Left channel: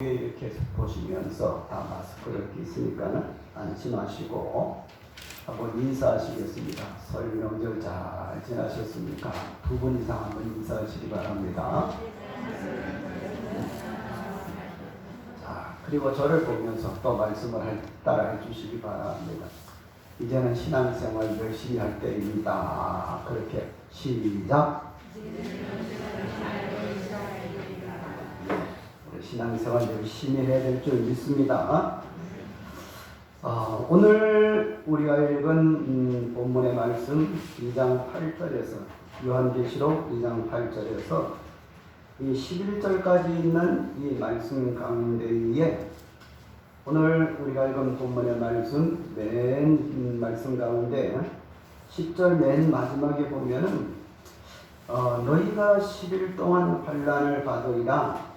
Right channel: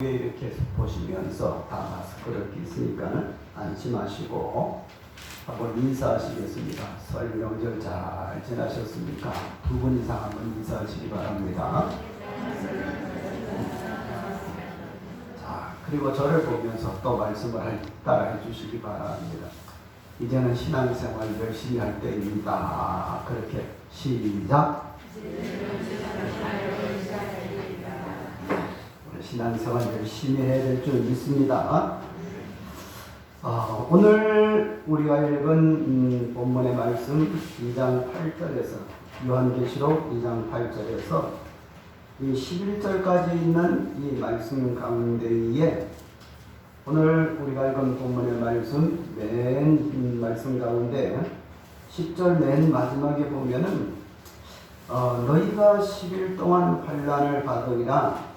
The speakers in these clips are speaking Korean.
이렇게 보시면서 다 마스크를 끼으니까 안심하시고 한번 인사하시겠습니다. 설 명절 잘 지나셨습니까? 두 분 이상 한번 인사하시기 바랍니다. 자, 그리고 저를 보면서 또 말씀을 따라해 주시기 바랍니다. 이제는 신앙생활 열심히 할 때입니다. 그렇게 시작. 신앙생활 열심히 해야 될 줄 믿습니다. 오늘 우리가 읽은 본문의 말씀 2장 8절에서 요한계시록 2장 8절에서 이 11절까지 있는 이 말씀 가운데에 오늘 우리가 읽은 본문의 말씀 맨 말씀 가운데 10절 맨 마지막에 보면은 너희가 10일 동안 환난을 받으리라.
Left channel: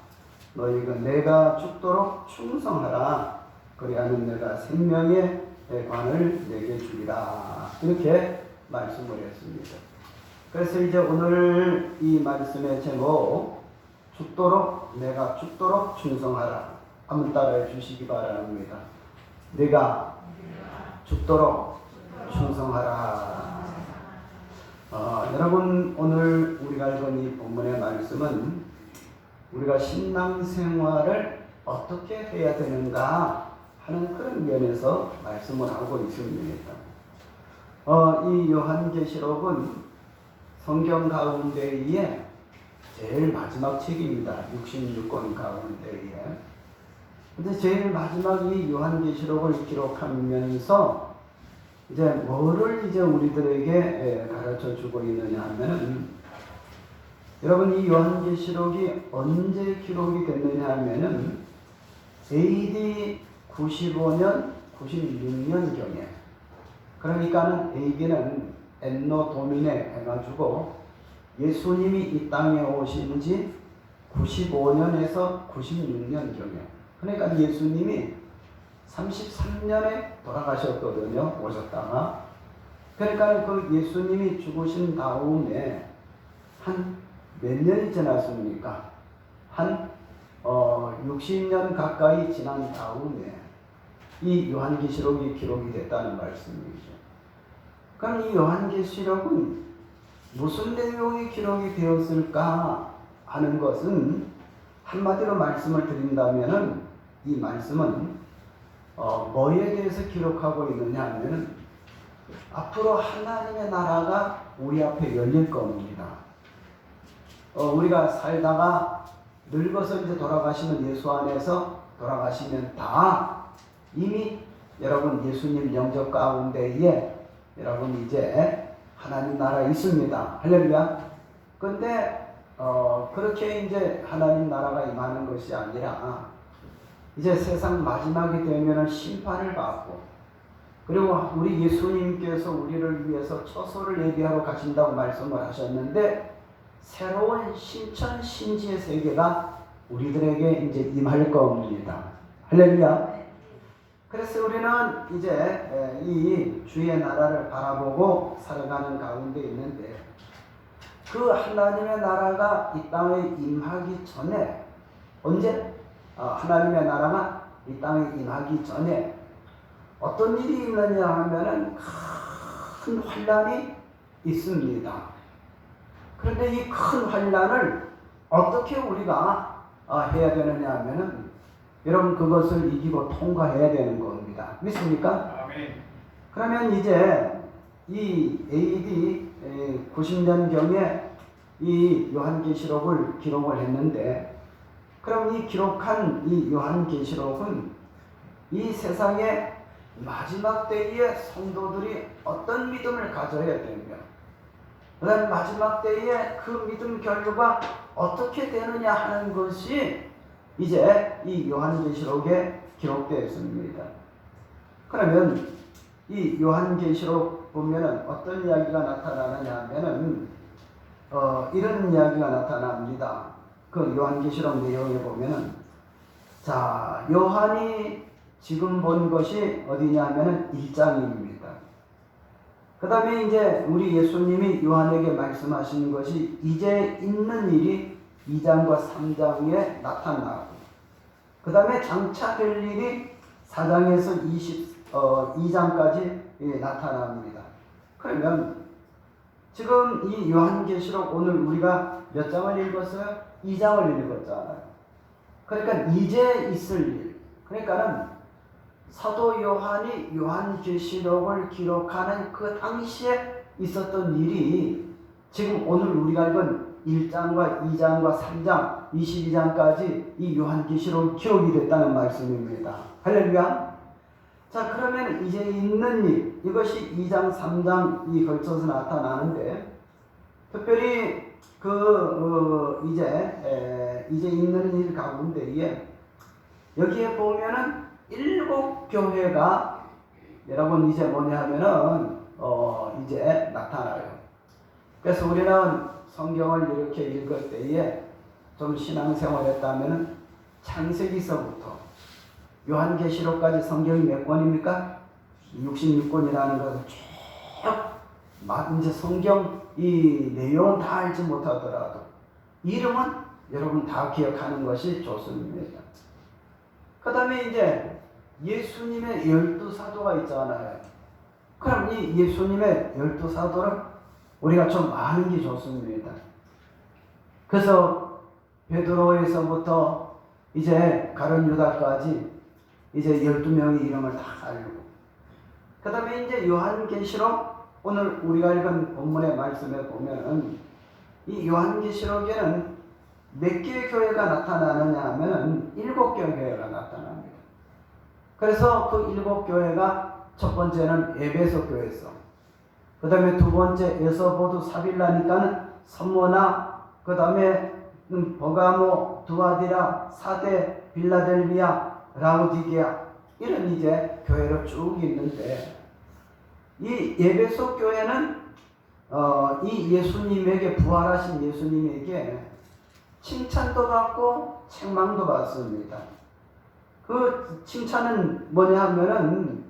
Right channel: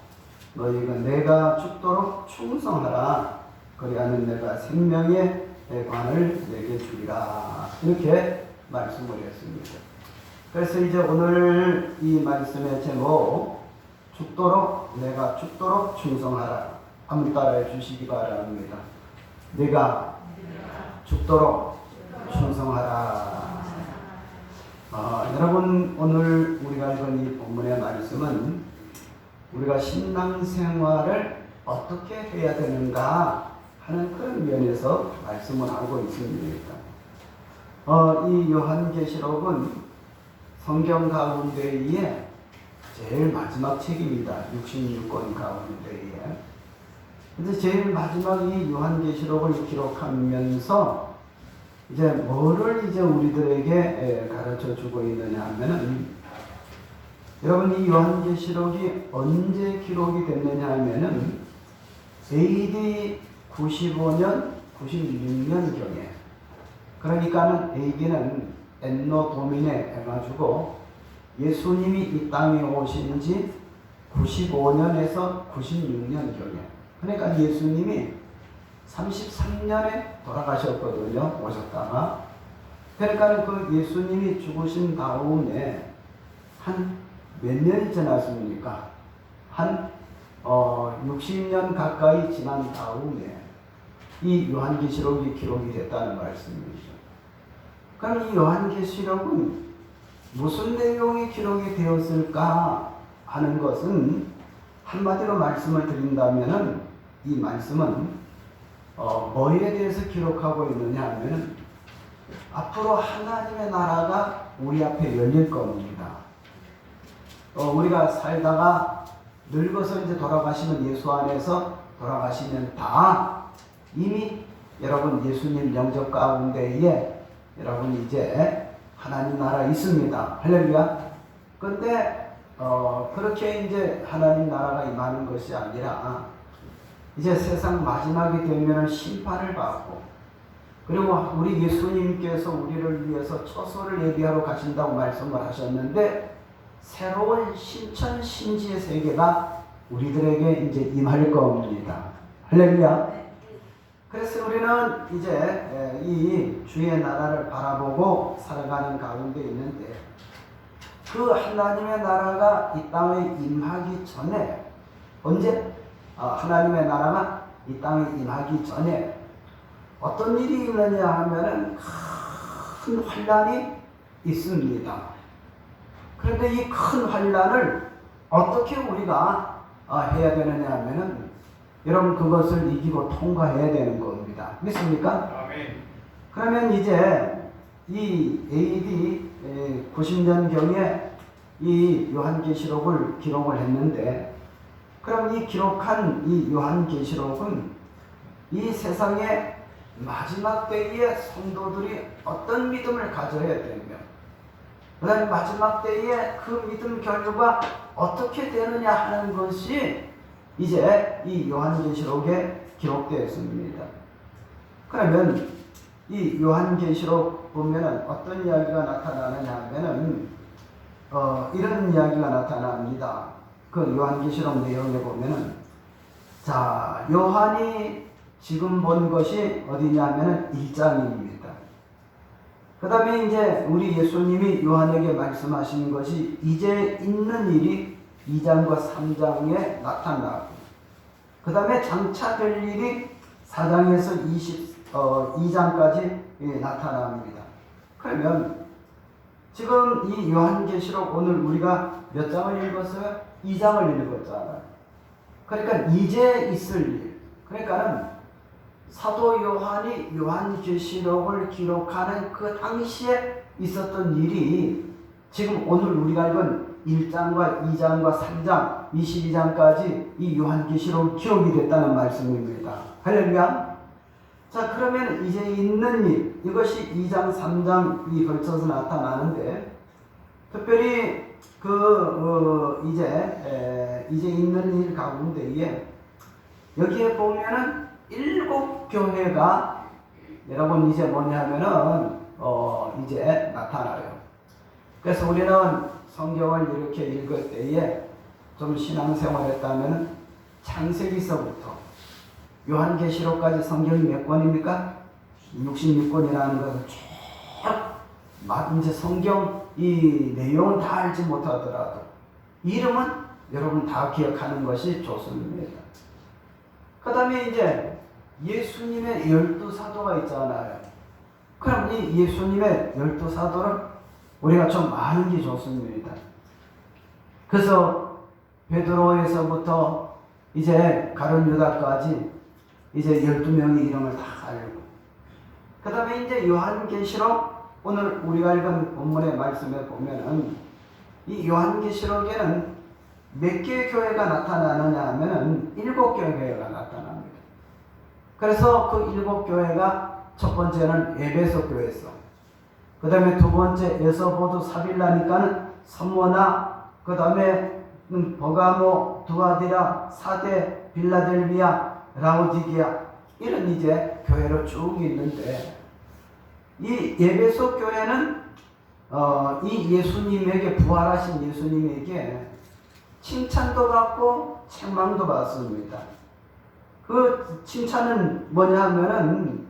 너희가 내가 죽도록 충성하라. 그리하면 내가 생명의 관을 내게 주리라. 이렇게 말씀을 했습니다. 그래서 이제 오늘 이 말씀의 제목 내가 죽도록 충성하라. 한번 따라해 주시기 바랍니다. 내가 죽도록 충성하라. 여러분 오늘 우리가 읽은 이 본문의 말씀은 우리가 신앙생활을 어떻게 해야 되는가 하는 그런 면에서 말씀을 하고 있습니다. 이 요한계시록은 성경 가운데에 제일 마지막 책입니다. 66권 가운데에. 근데 제일 마지막 이 요한계시록을 기록하면서 이제 뭐를 이제 우리들에게 가르쳐 주고 있느냐 하면은 여러분 이 요한계시록이 언제 기록이 됐느냐 하면은 AD 95년, 96년경에 그러니까는 AD는 엔노 도미네 해가지고 예수님이 이 땅에 오신 지 95년에서 96년경에 그러니까 예수님이 33년에 돌아가셨거든요. 오셨다가 그러니까 그 예수님이 죽으신 다음에 한 몇 년이 지났습니까? 한 60년 가까이 지난 다음에 이 요한계시록이 기록이 됐다는 말씀이죠. 그럼 이 요한계시록은 무슨 내용이 기록이 되었을까 하는 것은 한마디로 말씀을 드린다면은 이 말씀은 뭐에 대해서 기록하고 있느냐 하면은 앞으로 하나님의 나라가 우리 앞에 열릴 겁니다. 우리가 살다가 늙어서 이제 돌아가시면 예수 안에서 돌아가시면 다 이미 여러분 예수님 영접 가운데에 여러분 이제 하나님 나라 있습니다. 할렐루야. 근데 그렇게 이제 하나님 나라가 임하는 것이 아니라 이제 세상 마지막이 되면 심판을 받고 그리고 우리 예수님께서 우리를 위해서 처소를 예비하러 가신다고 말씀을 하셨는데 새로운 신천 신지의 세계가 우리들에게 이제 임할 겁니다. 할렐루야. 그래서 우리는 이제 이 주의 나라를 바라보고 살아가는 가운데 있는데 그 하나님의 나라가 이 땅에 임하기 전에 언제? 하나님의 나라가 이 땅에 임하기 전에 어떤 일이 있느냐 하면은 큰 환난이 있습니다. 그런데 이 큰 환난을 어떻게 우리가 해야 되느냐 하면은 여러분 그것을 이기고 통과해야 되는 겁니다. 믿습니까? 아멘. 그러면 이제 이 AD 90년경에 이 요한계시록을 기록을 했는데 그럼 이 기록한 이 요한계시록은 이 세상의 마지막 때에 성도들이 어떤 믿음을 가져야 되며 그다음 마지막 때에 그 믿음 결과가 어떻게 되느냐 하는 것이 이제 이 요한계시록에 기록되어 있습니다. 그러면 이 요한계시록 보면은 어떤 이야기가 나타나느냐 하면은 이런 이야기가 나타납니다. 그 요한계시록 내용에 보면은 자 요한이 지금 본 것이 어디냐 하면은 1장입니다. 그 다음에 이제 우리 예수님이 요한에게 말씀하시는 것이 이제 있는 일이 2장과 3장에 나타나고 그 다음에 장차될 일이 4장에서 22장까지 나타납니다. 그러면 지금 이 요한계시록 오늘 우리가 몇 장을 읽었어요? 2장을 읽었잖아요. 그러니까 이제 있을 일. 그러니까는 사도 요한이 요한계시록을 기록하는 그 당시에 있었던 일이 지금 오늘 우리가 읽은 1장과 2장과 3장, 22장까지 이 요한계시록 기록이 됐다는 말씀입니다. 할렐루야. 자, 그러면 이제 있는 일, 이것이 2장, 3장이 걸쳐서 나타나는데, 특별히 이제 있는 일 가운데에 여기에 보면은 7교회가 여러분 이제 뭐냐 하면은 이제 나타나요. 그래서 우리는 성경을 이렇게 읽을 때에 좀 신앙생활 했다면 창세기서부터 요한계시록까지 성경이 몇 권입니까? 66권이라는 것을 쭉 이제 성경 이 내용을 다 알지 못하더라도 이름은 여러분 다 기억하는 것이 좋습니다. 그 다음에 이제 예수님의 12사도가 있잖아요. 그럼 이 예수님의 12사도를 우리가 좀 아는 게 좋습니다. 그래서 베드로에서부터 이제 가룟 유다까지 이제 12명의 이름을 다 알고, 그 다음에 이제 요한계시록 오늘 우리가 읽은 본문의 말씀에 보면은 이 요한계시록에는 몇 개의 교회가 나타나느냐 하면 7교회가 나타납니다. 그래서 그 7교회가 첫 번째는 에베소 교회에서, 그 다음에 두 번째 에서보드 사빌라니까는 서머나, 그 다음에 버가모, 두아디라, 사데, 빌라델비아, 라오디게아, 이런 이제 교회로 쭉 있는데, 이 에베소 교회는 이 예수님에게, 부활하신 예수님에게 칭찬도 받고 책망도 받습니다. 그 칭찬은 뭐냐 하면은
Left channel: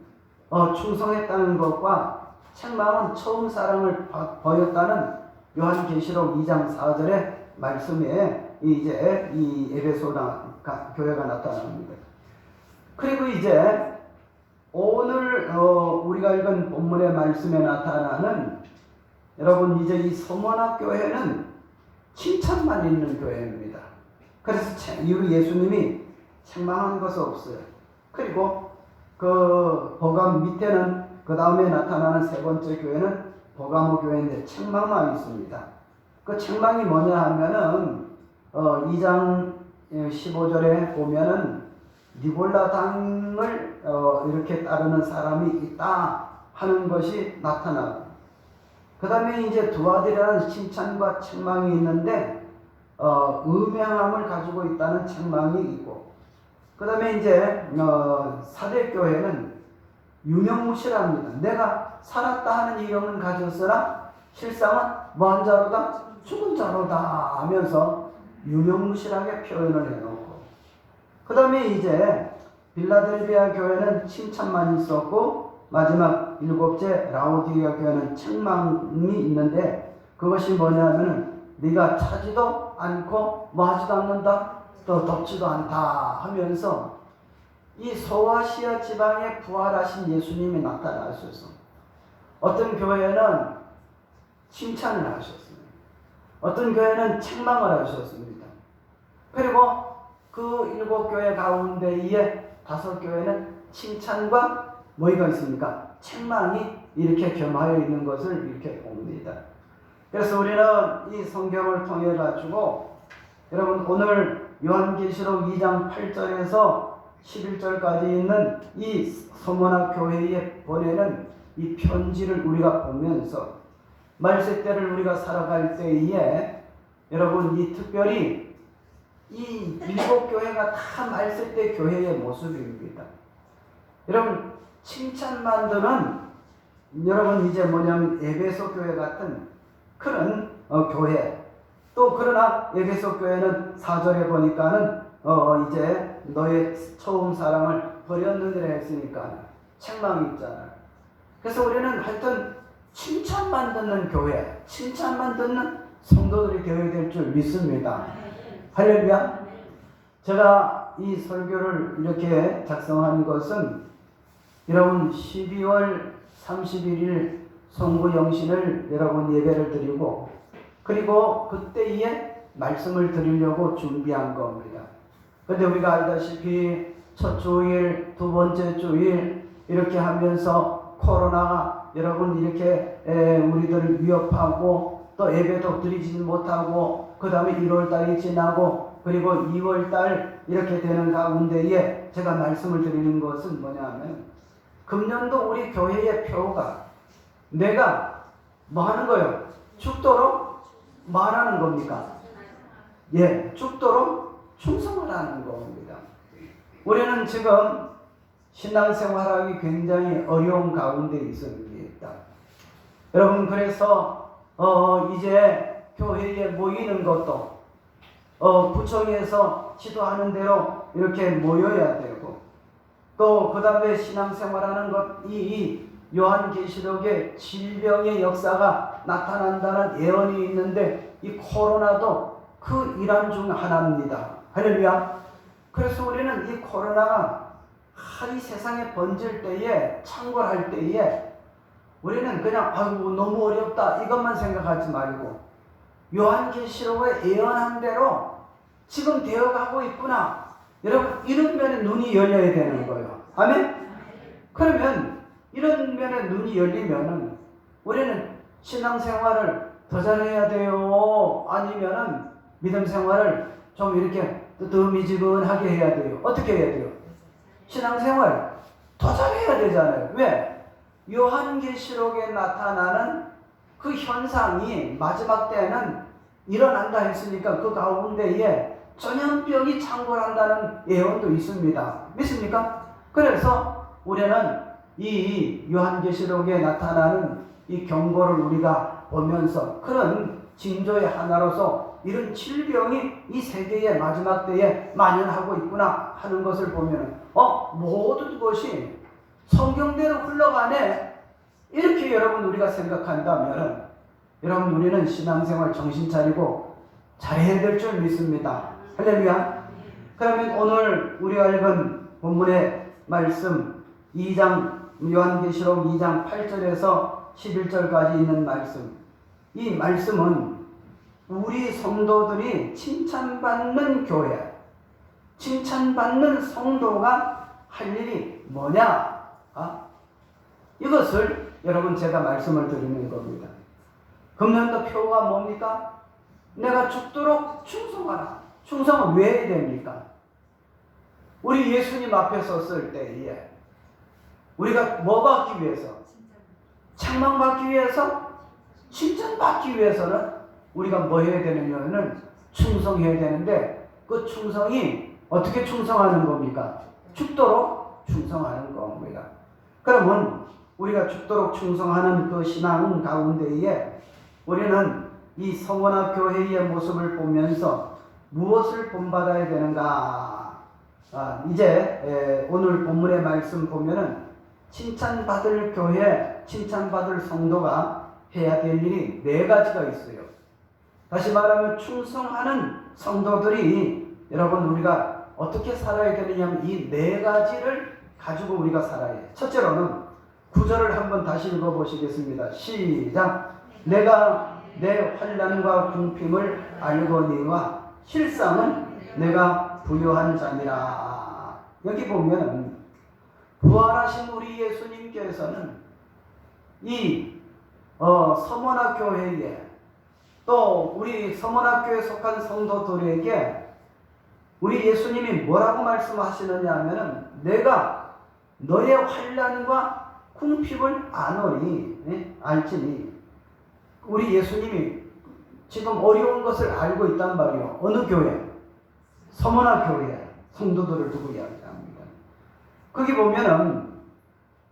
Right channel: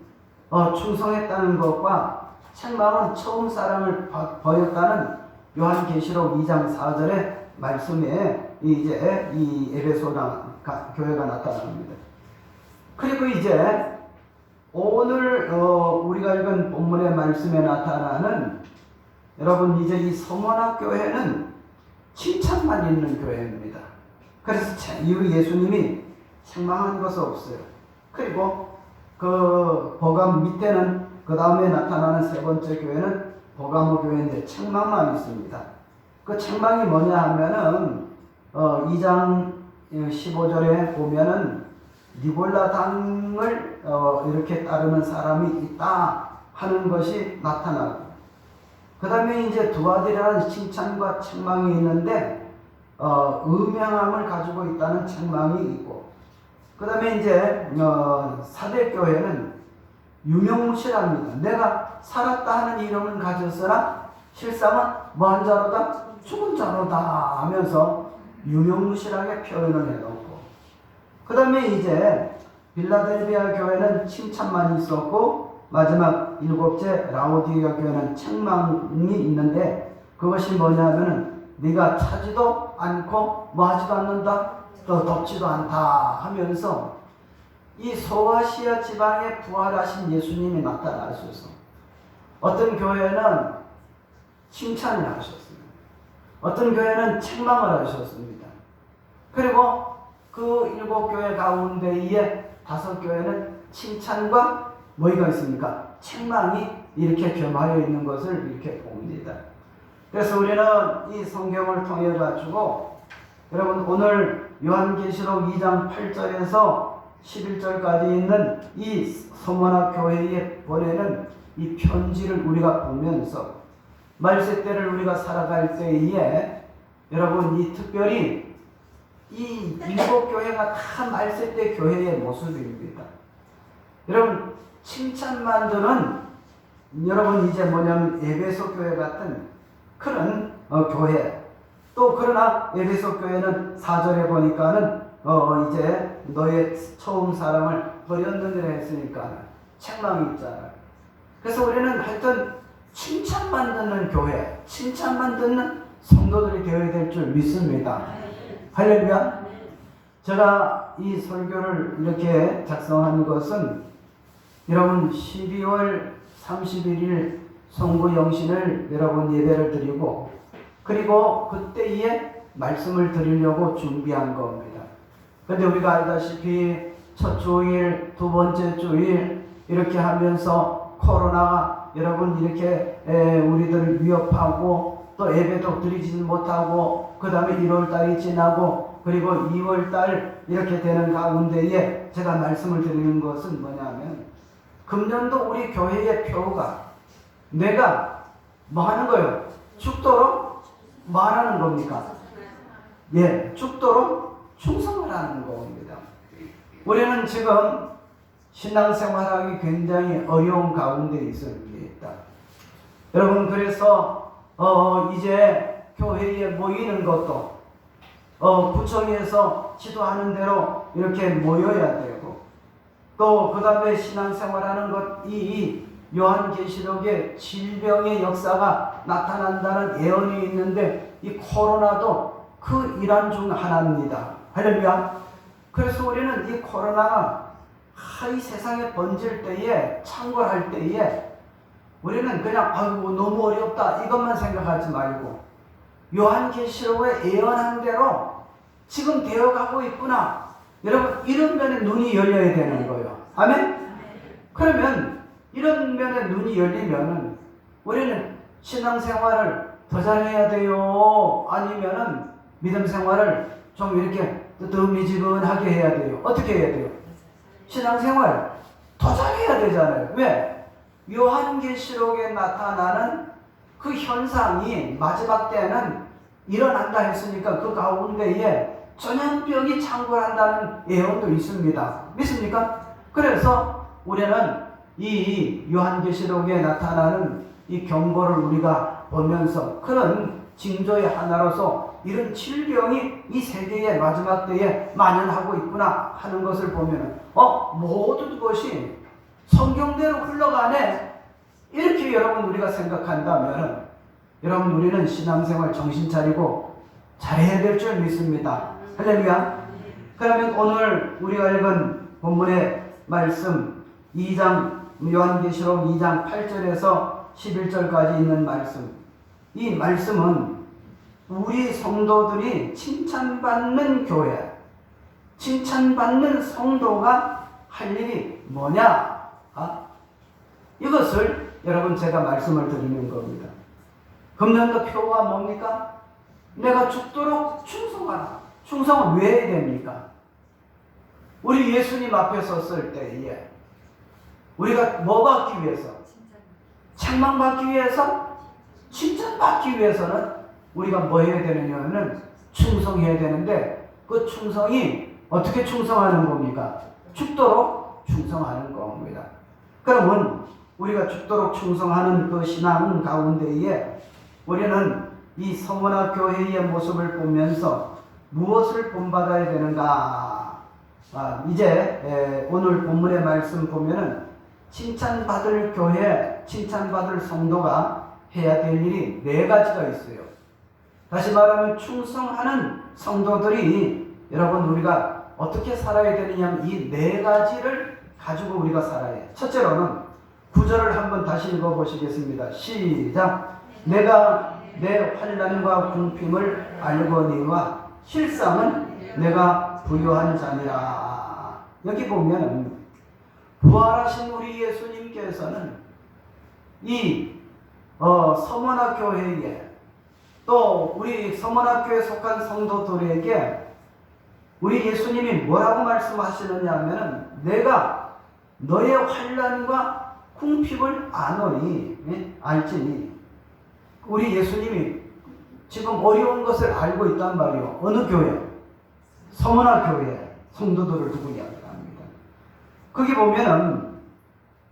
충성했다는 것과 책망은 처음 사랑을 보였다는 요한계시록 2장 4절의 말씀에 이제 이 에베소 교회가 나타납니다. 그리고 이제 오늘 우리가 읽은 본문의 말씀에 나타나는, 여러분 이제 이 서머나 교회는 칭찬만 있는 교회입니다. 그래서 이후 예수님이 책망한 것은 없어요. 그리고 그 버감 밑에는 그 다음에 나타나는 세 번째 교회는 버가모 교회인데 책망만 있습니다. 그 책망이 뭐냐 하면은 2장 15절에 보면은 니골라 당을 이렇게 따르는 사람이 있다 하는 것이 나타나고, 그 다음에 이제 두아디라는 칭찬과 책망이 있는데 음양함을 가지고 있다는 책망이 있고, 그 다음에 이제 사대교회는 유명무실합니다. 내가 살았다 하는 이름은 가졌으나 실상은 뭐한 자로다? 죽은 자로다 하면서 유명무실하게 표현을 해놓고, 그 다음에 이제 빌라델비아 교회는 칭찬만 있었고, 마지막 7째 라오디게아 교회는 책망이 있는데, 그것이 뭐냐면은 네가 차지도 않고 뭐하지도 않는다, 또 덥지도 않다 하면서 이 소아시아 지방에 부활하신 예수님이 나타나셔서 어떤 교회는 칭찬을 하셨습니다. 어떤 교회는 책망을 하셨습니다. 그리고 그 7교회 가운데에 5교회는 칭찬과 뭐가 있습니까? 책망이 이렇게 겸하여 있는 것을 이렇게 봅니다. 그래서 우리는 이 성경을 통해 가지고 여러분 오늘 요한계시록 2장 8절에서 11절까지 있는 이 서머나 교회에 보내는 이 편지를 우리가 보면서 말세때를 우리가 살아갈 때에 여러분 이 특별히 이 7교회가 다 말세때 교회의 모습입니다. 여러분 칭찬만 드는, 여러분 이제 뭐냐면 에베소 교회 같은 그런 교회, 또 그러나 에베소 교회는 4절에 보니까는 이제 너의 처음 사랑을 버렸느니라 했으니까 책망이 있잖아요. 그래서 우리는 하여튼 칭찬만 듣는 교회, 칭찬만 듣는 성도들이 되어야 될 줄 믿습니다. 할렐루야. 제가 제가 이 설교를 이렇게 작성한 것은 여러분 12월 31일 성부 영신을 여러분 예배를 드리고 그리고 그때에 말씀을 드리려고 준비한 겁니다. 그런데 우리가 알다시피 첫 주일, 두 번째 주일 이렇게 하면서 코로나가 여러분 이렇게 우리들을 위협하고 또 예배도 드리지 못하고 그 다음에 1월달이 지나고 그리고 2월달 이렇게 되는 가운데에 제가 말씀을 드리는 것은 뭐냐면 금년도 우리 교회의 표가 내가 뭐 하는 거예요? 죽도록 뭐 하는 겁니까? 예, 죽도록 충성을 하는 겁니다. 우리는 지금 신앙생활하기 굉장히 어려운 가운데 있습니다. 여러분 그래서 이제 교회에 모이는 것도 구청에서 지도하는 대로 이렇게 모여야 되고 또 그 다음에 신앙생활하는 것 이 요한계시록에 질병의 역사가 나타난다는 예언이 있는데 이 코로나도 그 일환 중 하나입니다. 할렐루야. 그래서 우리는 이 코로나가 이 세상에 번질 때에 창궐할 때에 우리는 그냥 아이고 너무 어렵다 이것만 생각하지 말고 요한계시록에 예언한 대로 지금 되어가고 있구나. 여러분 이런 면에 눈이 열려야 되는 거예요. 아멘? 그러면 이런 면에 눈이 열리면 우리는 신앙생활을 더 잘해야 돼요? 아니면은 믿음생활을 좀 이렇게 뜨뜻미지근하게 해야 돼요? 어떻게 해야 돼요? 신앙생활 더 잘해야 되잖아요. 왜? 요한계시록에 나타나는 그 현상이 마지막 때는 일어난다 했으니까 그 가운데에 전염병이 창궐한다는 예언도 있습니다. 믿습니까? 그래서 우리는 이 요한계시록에 나타나는 이 경고를 우리가 보면서 그런 징조의 하나로서 이런 질병이 이 세계의 마지막 때에 만연하고 있구나 하는 것을 보면 모든 것이 성경대로 흘러가네 이렇게 여러분 우리가 생각한다면 여러분 우리는 신앙생활 정신 차리고 잘해야 될 줄 믿습니다. 할렐루야. 그러면 오늘 우리가 읽은 본문의 말씀 2장 요한계시록 2장 8절에서 11절까지 있는 말씀 이 말씀은 우리 성도들이 칭찬받는 교회 칭찬받는 성도가 할 일이 뭐냐 이것을 여러분 제가 말씀을 드리는 겁니다. 금년도 표가 뭡니까? 내가 죽도록 충성하라. 충성은 왜 해야 됩니까? 우리 예수님 앞에 섰을 때에 우리가 뭐 받기 위해서? 책망받기 위해서? 칭찬받기 위해서는 우리가 뭐 해야 되느냐면 충성해야 되는데 그 충성이 어떻게 충성하는 겁니까? 죽도록 충성하는 겁니다. 그러면 우리가 죽도록 충성하는 그 신앙 가운데에 우리는 이 성원학 교회의 모습을 보면서 무엇을 본받아야 되는가? 이제 오늘 본문의 말씀 보면은 칭찬받을 교회, 칭찬받을 성도가 해야 될 일이 4가지가 있어요. 다시 말하면 충성하는 성도들이 여러분 우리가 어떻게 살아야 되느냐 이 4가지를 가지고 우리가 살아야 해요. 첫째로는 9절을 한번 다시 읽어보시겠습니다. 시작. 내가 내 환난과 궁핍을 알거니와 실상은 내가 부유한 자니라. 여기 보면 부활하신 우리 예수님께서는 이 서문학교회에 또 우리 서문학교에 속한 성도들에게 우리 예수님이 뭐라고 말씀하시느냐 하면 내가 너의 환난과 궁핍을 아노니 알지니 우리 예수님이 지금 어려운 것을 알고 있단 말이요. 어느 교회? 서문학교회 성도들을 두고 이야기합니다. 거기 보면은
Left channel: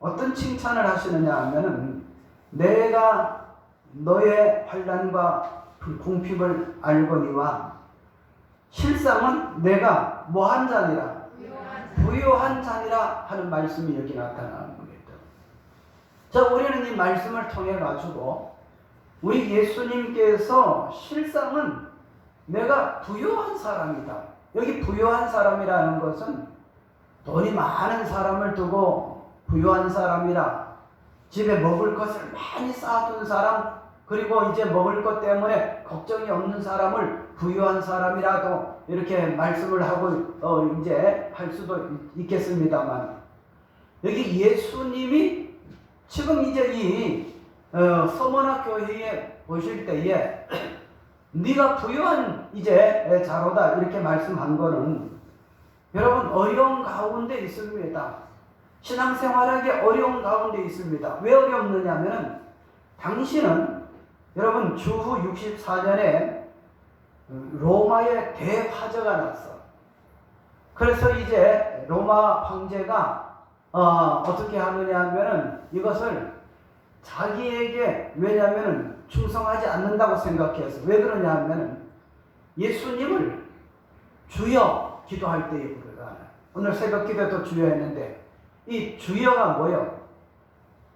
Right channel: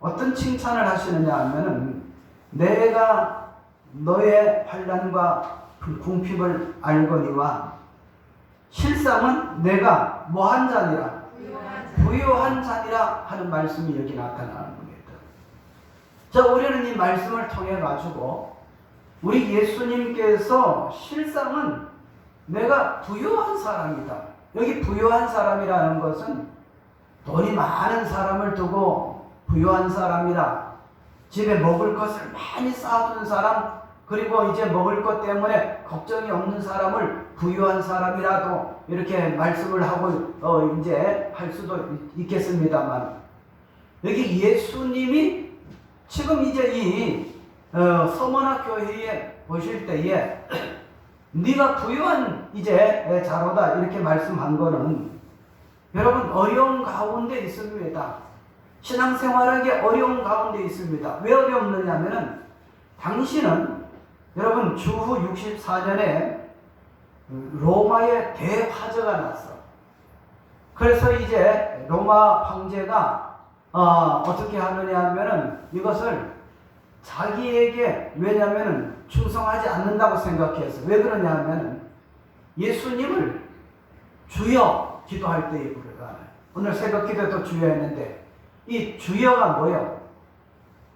어떤 칭찬을 하시느냐 하면은 내가 너의 환난과 궁핍을 알거니와 실상은 내가 뭐한 자니라 부유한 자니라 하는 말씀이 여기 나타나는 겁니다. 자, 우리는 이 말씀을 통해 가지고 우리 예수님께서 실상은 내가 부유한 사람이다. 여기 부유한 사람이라는 것은 돈이 많은 사람을 두고 부유한 사람이라, 집에 먹을 것을 많이 쌓아둔 사람, 그리고 이제 먹을 것 때문에 걱정이 없는 사람을 부유한 사람이라도 이렇게 말씀을 하고 이제 할 수도 있겠습니다만, 여기 예수님이 지금 이제 이 서머나 교회에 보실 때에 네가 부유한 이제 자로다 이렇게 말씀한 거는 여러분 어려운 가운데 있습니다. 신앙생활하기 어려운 가운데 있습니다. 왜 어렵느냐 하면은 당신은 여러분 주후 64년에 로마의 대화재가 났어. 그래서 이제 로마 황제가 어떻게 하느냐 하면은 이것을 자기에게, 왜냐하면은 충성하지 않는다고 생각해서, 왜 그러냐 하면은 예수님을 주여 기도할 때에 부르다. 오늘 새벽 기도도 주여 했는데 이 주여가 뭐요?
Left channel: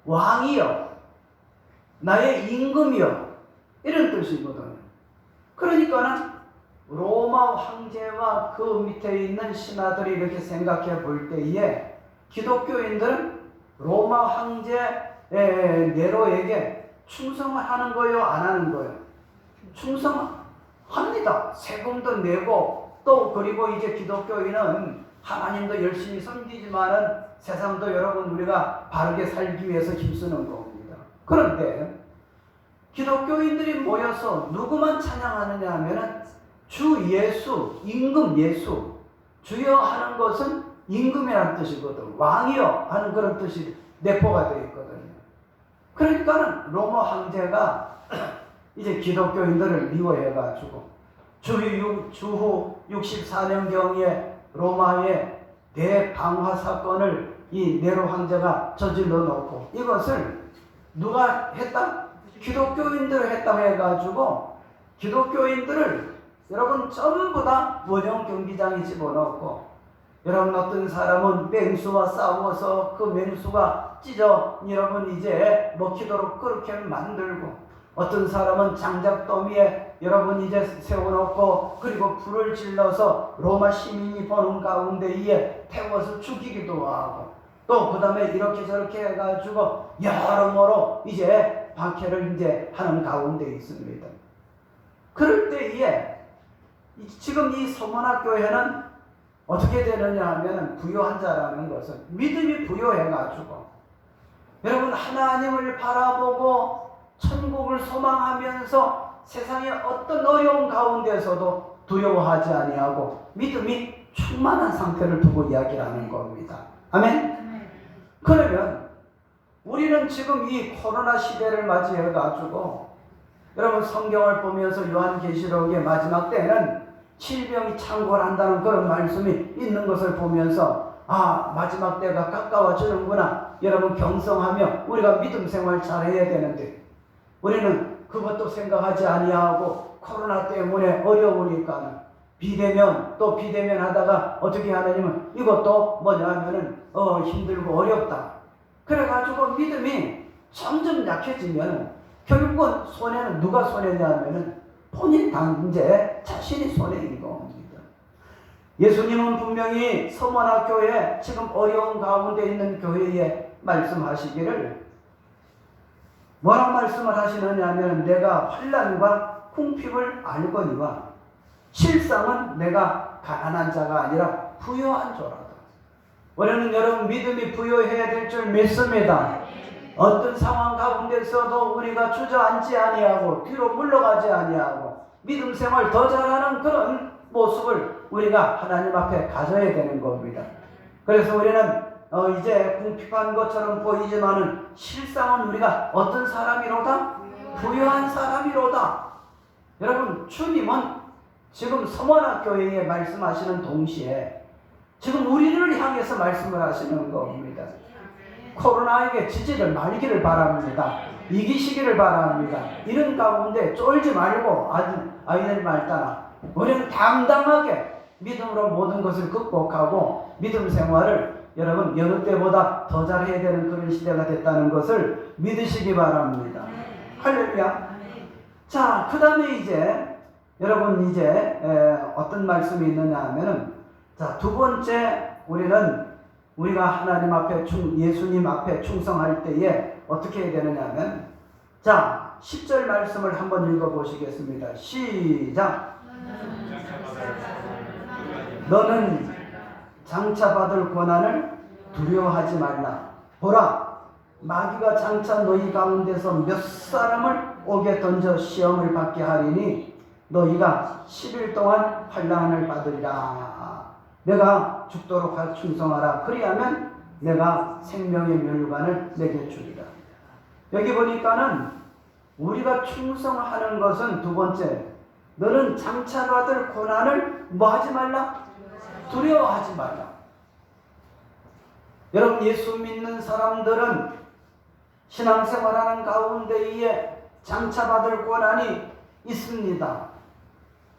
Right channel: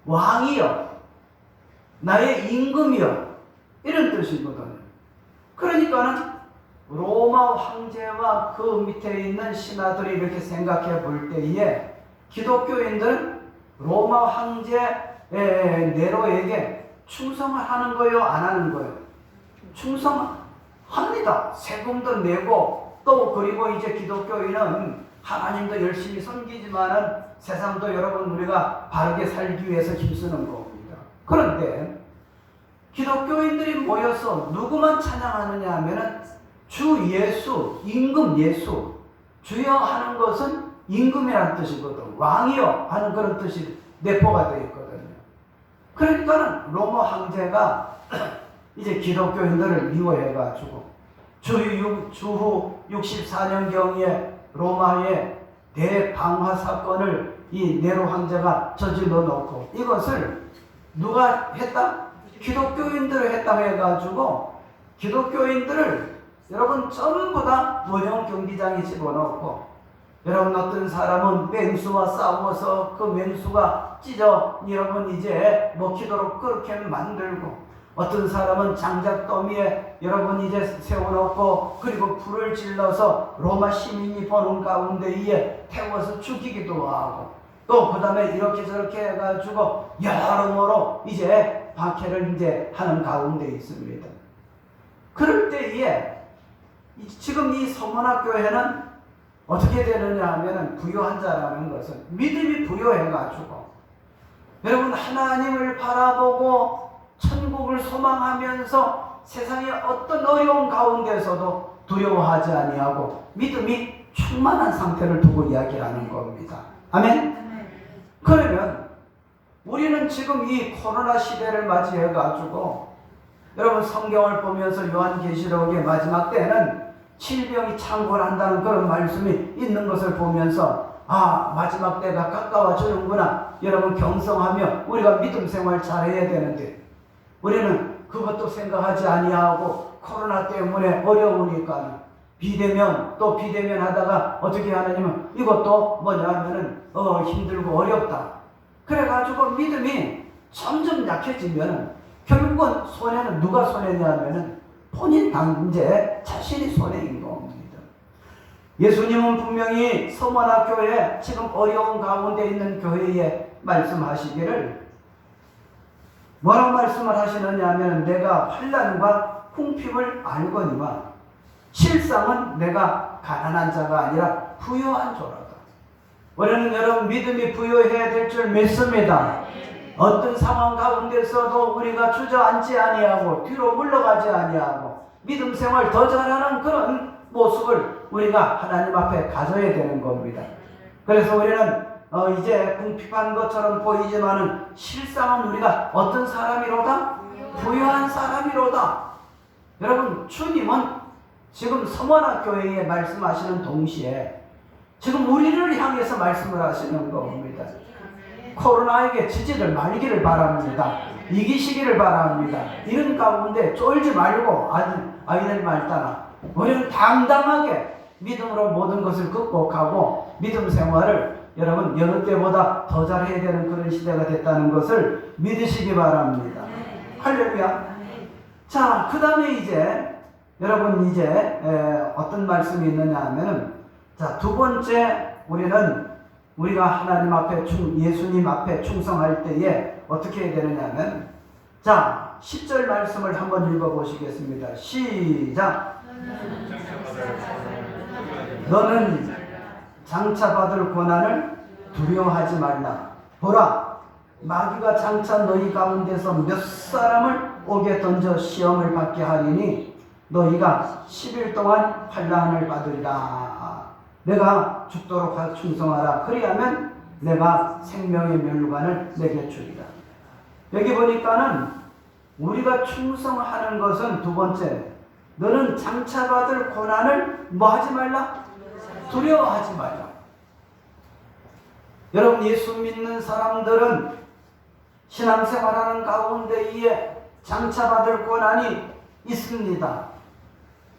왕이여, 나의 임금이여, 이런 뜻이거든요. 그러니까는 로마 황제와 그 밑에 있는 신하들이 이렇게 생각해 볼 때에 기독교인들은 로마 황제 네로에게 충성을 하는 거예요, 안 하는 거예요? 충성합니다. 세금도 내고, 또 그리고 이제 기독교인은 하나님도 열심히 섬기지만은 세상도 여러분 우리가 바르게 살기 위해서 힘쓰는 겁니다. 그런데 기독교인들이 모여서 누구만 찬양하느냐 하면은 주 예수, 임금 예수, 주여 하는 것은 임금이라는 뜻이거든. 왕이여 하는 그런 뜻이 내포가 되어 있거든요. 그러니까 로마 황제가 이제 기독교인들을 미워해가지고 주후 64년경에 로마의 대방화 사건을 이 네로 황제가 저질러 놓고, 이것을 누가 했다? 기독교인들을 했다고 해가지고 기독교인들을 여러분 전부 다 원형 경기장에 집어넣고, 여러분 어떤 사람은 맹수와 싸워서 그 맹수가 찢어 여러분 이제 먹히도록 그렇게 만들고, 어떤 사람은 장작더미에 여러분 이제 세워놓고 그리고 불을 질러서 로마 시민이 보는 가운데에 태워서 죽이기도 하고, 또 그 다음에 이렇게 저렇게 해가지고 여러모로 이제 박해를 이제 하는 가운데 있습니다. 그럴 때에 지금 이 서문학교회는 어떻게 되느냐 하면 부유한 자라는 것은 믿음이 부유해가지고 여러분 하나님을 바라보고 천국을 소망하면서 세상의 어떤 어려운 가운데서도 두려워하지 아니하고 믿음이 충만한 상태를 두고 이야기를 하는 겁니다. 아멘? 그러면 우리는 지금 이 코로나 시대를 맞이해가지고 여러분 성경을 보면서 요한계시록의 마지막 때는 질병이 창궐한다는 그런 말씀이 있는 것을 보면서 마지막 때가 가까워지는구나. 여러분 경성하며 우리가 믿음 생활 잘해야 되는데 우리는 그것도 생각하지 아니하고 코로나 때문에 어려우니까 비대면 또 비대면 하다가 어떻게 하느냐면 이것도 뭐냐 하면은 힘들고 어렵다. 그래가지고 믿음이 점점 약해지면 결국은 손해는 누가 손해냐 하면은 본인 당제 자신이 손해인 겁니다. 예수님은 분명히 서머나 교회, 지금 어려운 가운데 있는 교회에 말씀하시기를 뭐라고 말씀을 하시느냐 하면 내가 환난과 궁핍을 알거니와 실상은 내가 가난한 자가 아니라 부유한 자라다. 우리는 여러분 믿음이 부유해야 될 줄 믿습니다. 어떤 상황 가운데서도 우리가 주저앉지 아니하고 뒤로 물러가지 아니하고 믿음 생활 더 잘하는 그런 모습을 우리가 하나님 앞에 가져야 되는 겁니다. 그래서 우리는 이제 궁핍한 것처럼 보이지만은 실상은 우리가 어떤 사람이로다? 부유한 사람이로다. 여러분 주님은 지금 서머나 교회에 말씀하시는 동시에 지금 우리를 향해서 말씀을 하시는 겁니다. 코로나에게 지지를 말기를 바랍니다. 이기시기를 바랍니다. 이런 가운데 쫄지 말고 아이들 말따라 우리는 당당하게 믿음으로 모든 것을 극복하고 믿음 생활을 여러분 여느 때보다 더 잘해야 되는 그런 시대가 됐다는 것을 믿으시기 바랍니다. 할렐루야. 자, 그 다음에 이제 여러분 이제 어떤 말씀이 있느냐 하면은 자, 두 번째 우리가 하나님 앞에 예수님 앞에 충성할 때에 어떻게 해야 되느냐 하면 자 10절 말씀을 한번 읽어보시겠습니다. 시작. 너는 장차받을 고난을 두려워하지 말라. 보라, 마귀가 장차 너희 가운데서 몇 사람을 옥에 던져 시험을 받게 하리니 너희가 10일 동안 환난을 받으리라. 내가 죽도록 충성하라. 그리하면 내가 생명의 면류관을 내게 주리라. 여기 보니까는 우리가 충성하는 것은 두 번째, 너는 장차 받을 고난을 뭐 하지 말라? 두려워하지 말라. 여러분 예수 믿는 사람들은 신앙생활하는 가운데에 장차 받을 고난이 있습니다.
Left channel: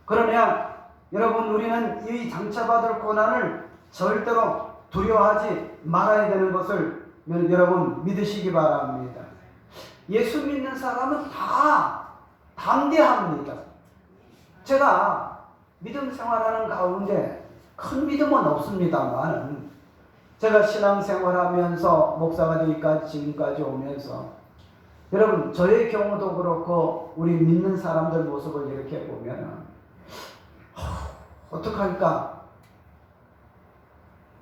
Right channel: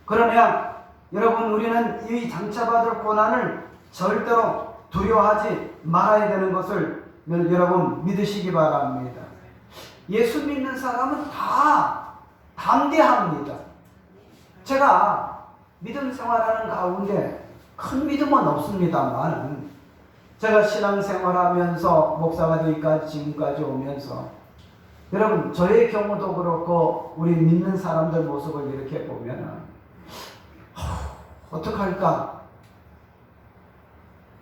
그러나 여러분 우리는 이 장차 받을 고난을 절대로 두려워하지 말아야 되는 것을 여러분 믿으시기 바랍니다. 예수 믿는 사람은 다 담대합니다. 제가 믿음 생활하는 가운데 큰 믿음은 없습니다만 제가 신앙생활하면서 목사가 되기까지 지금까지 오면서 여러분 저의 경우도 그렇고 우리 믿는 사람들 모습을 이렇게 보면 어떡할까?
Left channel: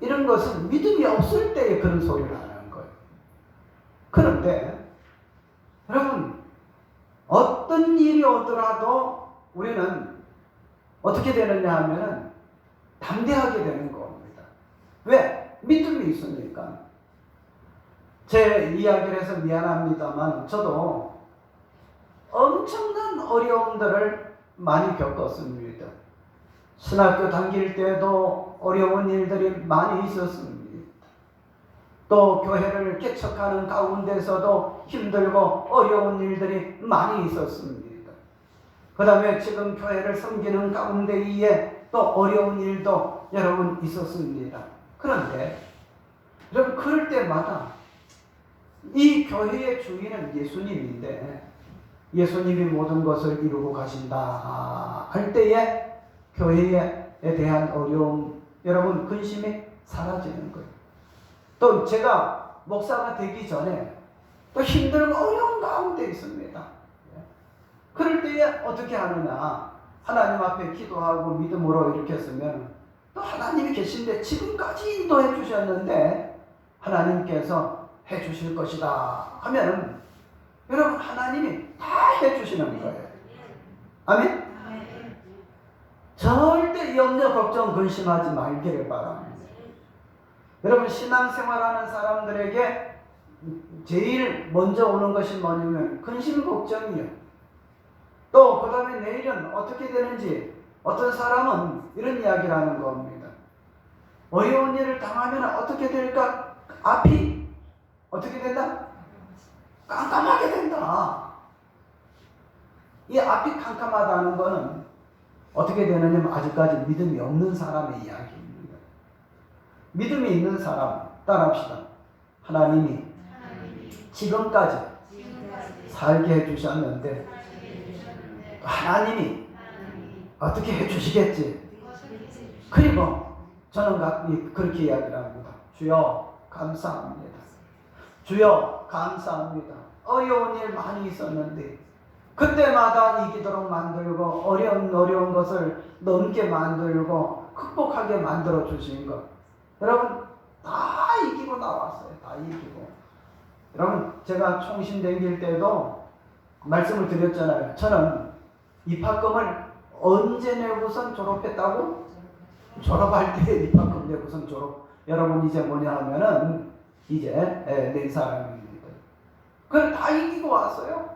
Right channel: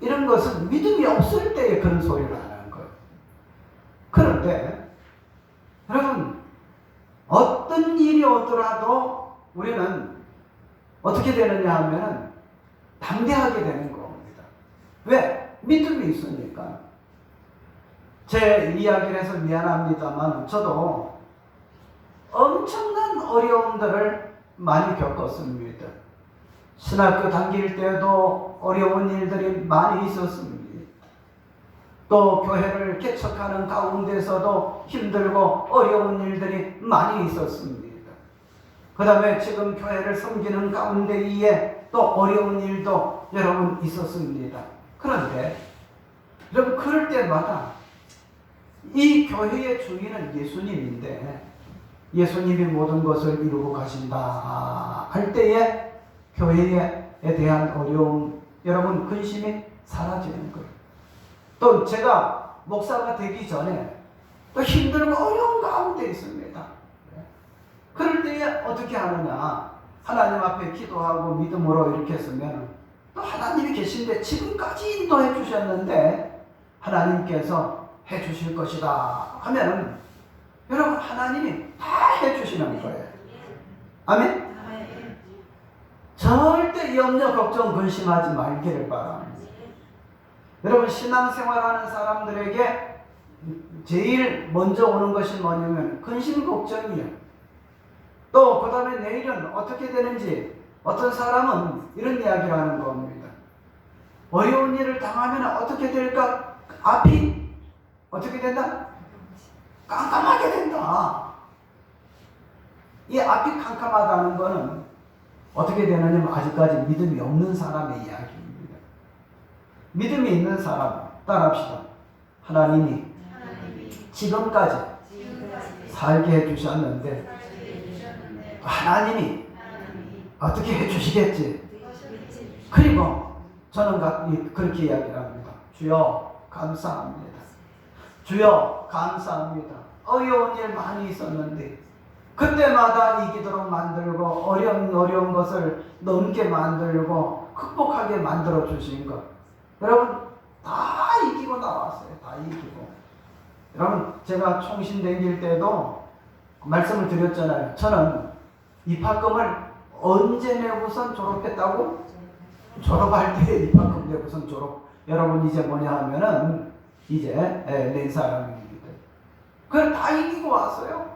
이런 것은 믿음이 없을 때에 그런 소리를 하는 거예요. 그런데 여러분 어떤 일이 오더라도 우리는 어떻게 되느냐 하면 담대하게 되는 겁니다. 왜? 믿음이 있으니까. 제 이야기를 해서 미안합니다만 저도 엄청난 어려움들을 많이 겪었습니다. 신학교 다닐 때도 어려운 일들이 많이 있었습니다. 또 교회를 개척하는 가운데서도 힘들고 어려운 일들이 많이 있었습니다. 그 다음에 지금 교회를 섬기는 가운데에 또 어려운 일도 여러분 있었습니다. 그런데 여러분 그럴 때마다 이 교회의 주인은 예수님인데 예수님이 모든 것을 이루고 가신다 할 때에 교회에 대한 어려움, 여러분 근심이 사라지는 거예요. 또 제가 목사가 되기 전에 또 힘들고 어려운 가운데 있습니다. 그럴 때에 어떻게 하느냐? 하나님 앞에 기도하고 믿음으로 이렇게 했으면 또 하나님이 계신데 지금까지 인도해 주셨는데 하나님께서 해 주실 것이다 하면 여러분 하나님이 다 해 주시는 거예요. 아멘? 절대 염려, 걱정, 근심하지 말기를 바랍니다. 여러분 신앙생활하는 사람들에게 제일 먼저 오는 것이 뭐냐면 근심, 걱정이에요. 또 그 다음에 내일은 어떻게 되는지 어떤 사람은 이런 이야기를 하는 겁니다. 어려운 일을 당하면 어떻게 될까? 앞이 어떻게 된다? 깜깜하게 된다. 이 앞이 깜깜하다는 것은 어떻게 되느냐면 아직까지 믿음이 없는 사람의 이야기입니다. 믿음이 있는 사람 따라합시다. 하나님이 지금까지 살게 해주셨는데 하나님이 어떻게 해주시겠지. 그리고 저는 그렇게 이야기를 합니다. 주여 감사합니다. 주여 감사합니다. 어려운 일 많이 있었는데 그때마다 이기도록 만들고 어려운 것을 넘게 만들고 극복하게 만들어 주신 것 여러분 다 이기고 나왔어요. 다 이기고. 여러분 제가 총신 다닐 때도 말씀을 드렸잖아요. 저는 입학금을 언제 내고선 졸업했다고? 졸업할 때 입학금 내고선 졸업. 여러분 이제 뭐냐 하면은 이제 낸 사람입니다. 그걸 다 이기고 왔어요.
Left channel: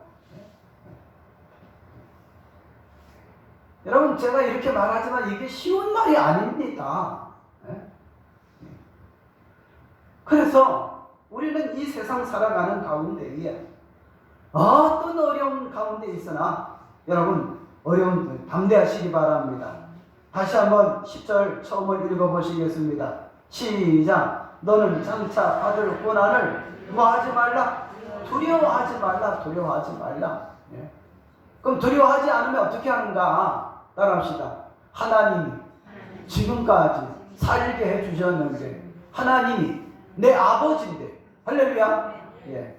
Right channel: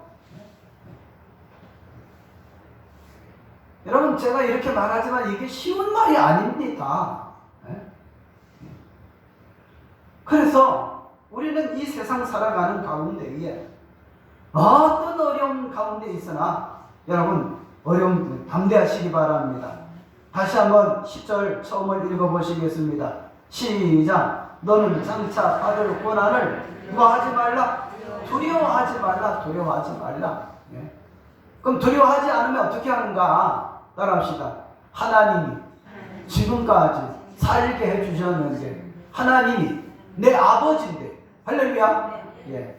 여러분 제가 이렇게 말하지만 이게 쉬운 말이 아닙니다. 그래서 우리는 이 세상 살아가는 가운데에 어떤 어려움 가운데 있으나 여러분 어려움 담대하시기 바랍니다. 다시 한번 10절 처음을 읽어보시겠습니다. 시작. 너는 장차 받을 고난을 뭐하지 말라? 두려워하지 말라. 두려워하지 말라. 그럼 두려워하지 않으면 어떻게 하는가? 따라합시다. 하나님이 지금까지 살게 해주셨는데, 하나님이 내 아버지인데, 할렐루야. 예.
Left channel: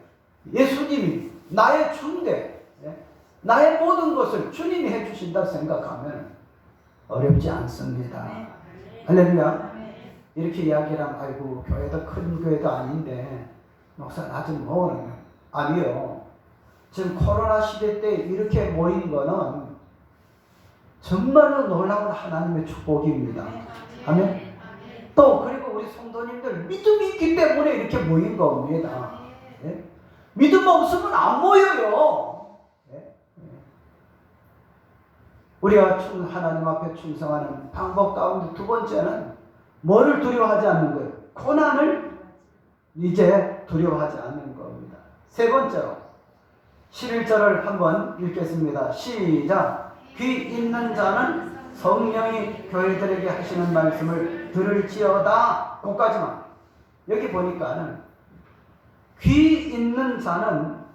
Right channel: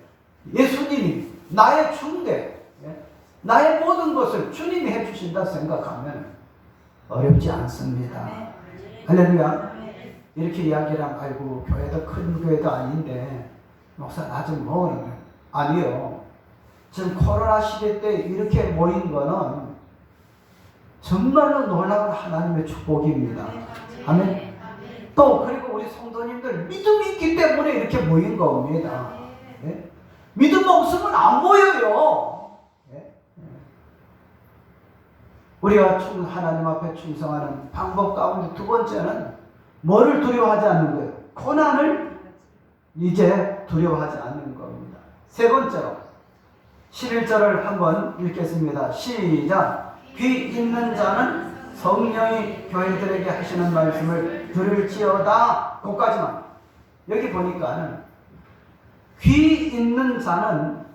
예수님이 나의 주인데, 예. 나의 모든 것을 주님이 해주신다 생각하면 어렵지 않습니다. 할렐루야. 이렇게 이야기를 하면, 아이고, 교회도 큰 교회도 아닌데, 목사 나 좀 모으는. 아니요. 지금 코로나 시대 때 이렇게 모인 거는 정말로 놀라운 하나님의 축복입니다. 아멘. 또 그리고 우리 성도님들 믿음이 있기 때문에 이렇게 모인 겁니다. 예? 믿음 없으면 안 모여요. 예? 우리가 하나님 앞에 충성하는 방법 가운데 두 번째는 뭐를 두려워하지 않는 거예요? 고난을 이제 두려워하지 않는 겁니다. 세 번째로 11절을 한번 읽겠습니다. 시작. 귀 있는 자는 성령이 교회들에게 하시는 말씀을 들을지어다. 거기까지만. 여기 보니까는 귀 있는 자는